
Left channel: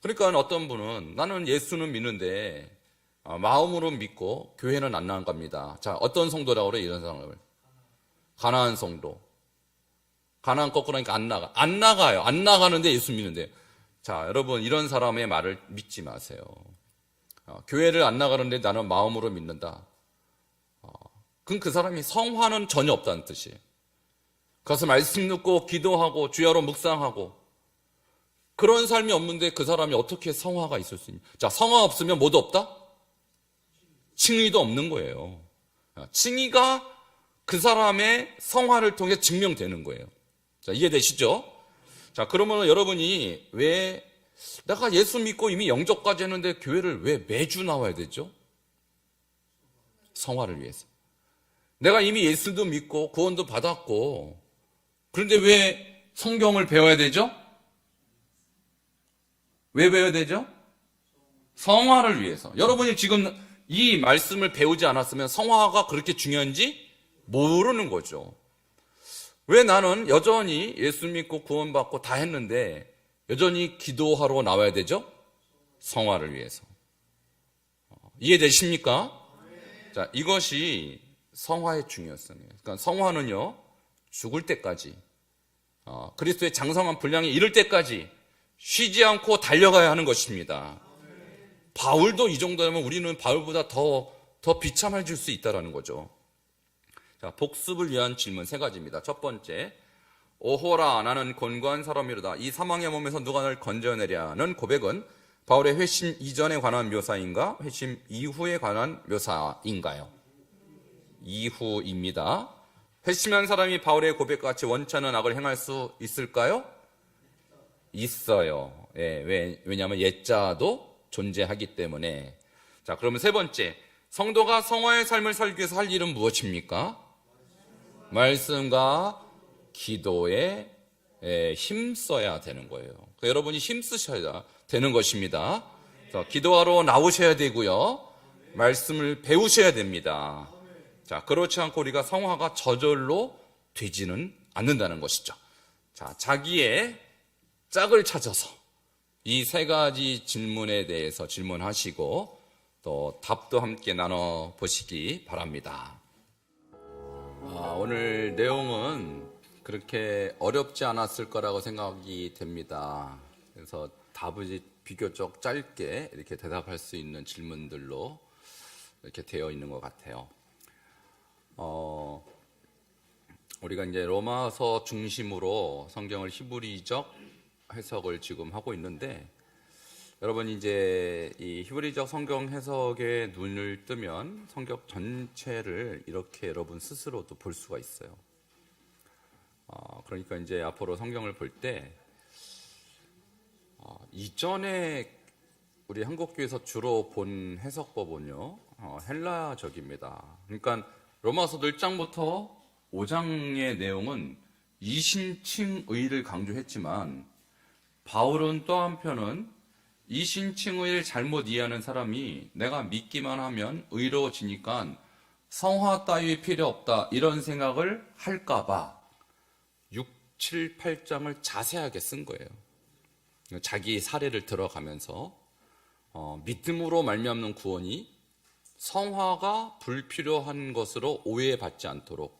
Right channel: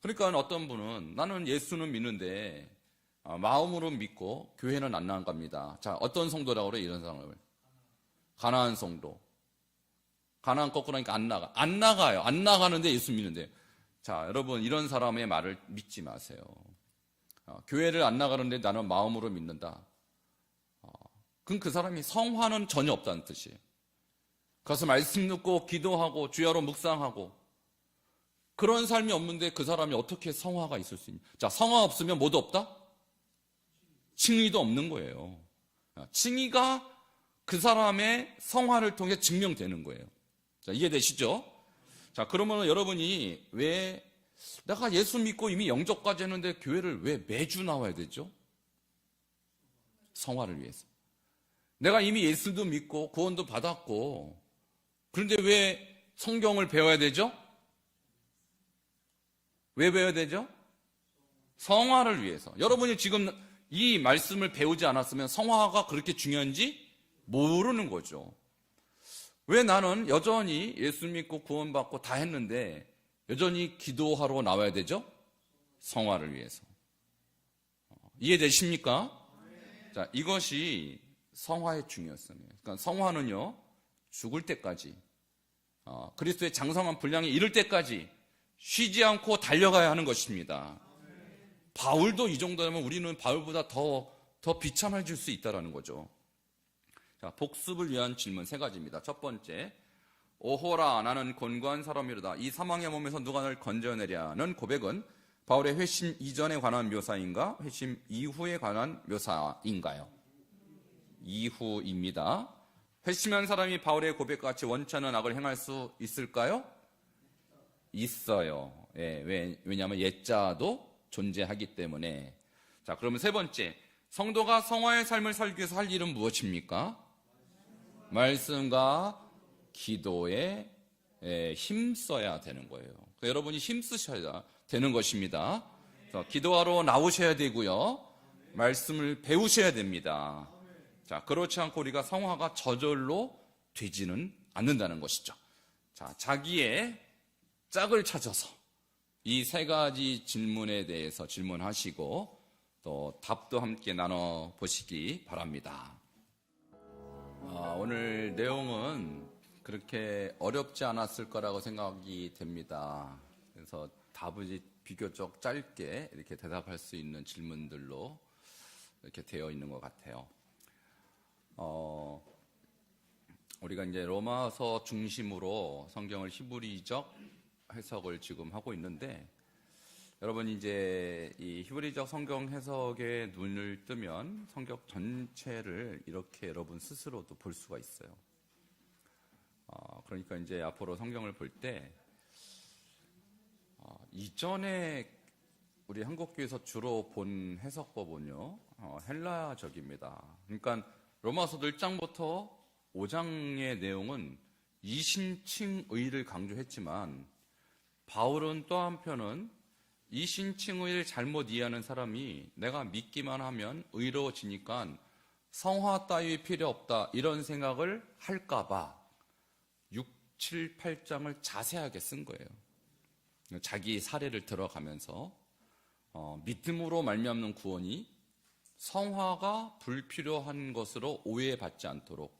그러니까 어떤 분은 나는 예수는 믿는데 마음으로 믿고 교회는 안 나갑니다. 자, 어떤 성도라고 그래? 이런 사람을 가나안 성도. 가나안 거꾸로 하니까 안 나가요. 안 나가는데 예수 믿는데. 자, 여러분 이런 사람의 말을 믿지 마세요. 교회를 안 나가는데 나는 마음으로 믿는다. 그럼 그 사람이 성화는 전혀 없다는 뜻이에요. 가서 말씀 듣고 기도하고 주야로 묵상하고 그런 삶이 없는데 그 사람이 어떻게 성화가 있을 수 있냐? 자, 성화 없으면 뭐도 없다? 칭의도 없는 거예요. 칭의가 그 사람의 성화를 통해 증명되는 거예요. 자, 이해되시죠? 자, 그러면 여러분이 왜 내가 예수 믿고 이미 영접까지 했는데 교회를 왜 매주 나와야 되죠? 성화를 위해서. 내가 이미 예수도 믿고 구원도 받았고, 그런데 왜 성경을 배워야 되죠? 왜 배워야 되죠? 성화를 위해서. 여러분이 지금 이 말씀을 배우지 않았으면 성화가 그렇게 중요한지 모르는 거죠. 왜 나는 여전히 예수 믿고 구원받고 다 했는데 여전히 기도하러 나와야 되죠? 성화를 위해서. 이해되십니까? 자, 이것이 성화의 중요성이에요. 그러니까 성화는요, 죽을 때까지, 그리스도의 장성한 분량이 이를 때까지 쉬지 않고 달려가야 하는 것입니다. 바울도 이 정도면 우리는 바울보다 더 비참해질 수 있다는 거죠. 자, 복습을 위한 질문 세 가지입니다. 첫 번째, 오호라 나는 곤고한 사람이로다. 이 사망의 몸에서 누가 날 건져내랴는 고백은 바울의 회심 이전에 관한 묘사인가? 회심 이후에 관한 묘사인가요? 이후입니다. 회심한 사람이 바울의 고백과 같이 원치 않은 악을 행할 수 있을까요? 있어요. 예, 왜냐하면 옛자도 존재하기 때문에. 자, 그러면 세 번째, 성도가 성화의 삶을 살기 위해서 할 일은 무엇입니까? 말씀과 기도에 힘써야 되는 거예요. 그러니까 여러분이 힘쓰셔야 되는 것입니다. 그래서 기도하러 나오셔야 되고요, 말씀을 배우셔야 됩니다. 자, 그렇지 않고 우리가 성화가 저절로 되지는 않는다는 것이죠. 자, 자기의 짝을 찾아서 이 세 가지 질문에 대해서 질문하시고 또 답도 함께 나눠보시기 바랍니다. 오늘 내용은 그렇게 어렵지 않았을 거라고 생각이 됩니다. 그래서 답이 비교적 짧게 이렇게 대답할 수 있는 질문들로 이렇게 되어 있는 것 같아요. 우리가 이제 로마서 중심으로 성경을 히브리적 해석을 지금 하고 있는데, 여러분 이제 이 히브리적 성경 해석에 눈을 뜨면 성경 전체를 이렇게 여러분 스스로도 볼 수가 있어요. 그러니까 이제 앞으로 성경을 볼 때 이전에 우리 한국교회에서 주로 본 해석법은요, 헬라적입니다. 그러니까 로마서 1장부터 5장의 내용은 이신칭의를 강조했지만, 바울은 또 한편은 이신칭의를 잘못 이해하는 사람이 내가 믿기만 하면 의로워지니까 성화 따위 필요 없다, 이런 생각을 할까봐 6, 7, 8장을 자세하게 쓴 거예요. 자기 사례를 들어가면서 믿음으로 말미암는 구원이 성화가 불필요한 것으로 오해받지 않도록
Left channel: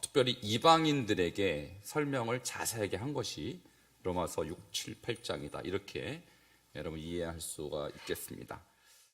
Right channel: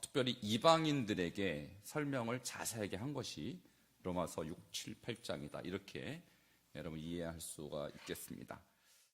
특별히 이방인들에게 설명을 자세하게 한 것이 로마서 6, 7, 8장이다. 이렇게 여러분 이해할 수가 있겠습니다.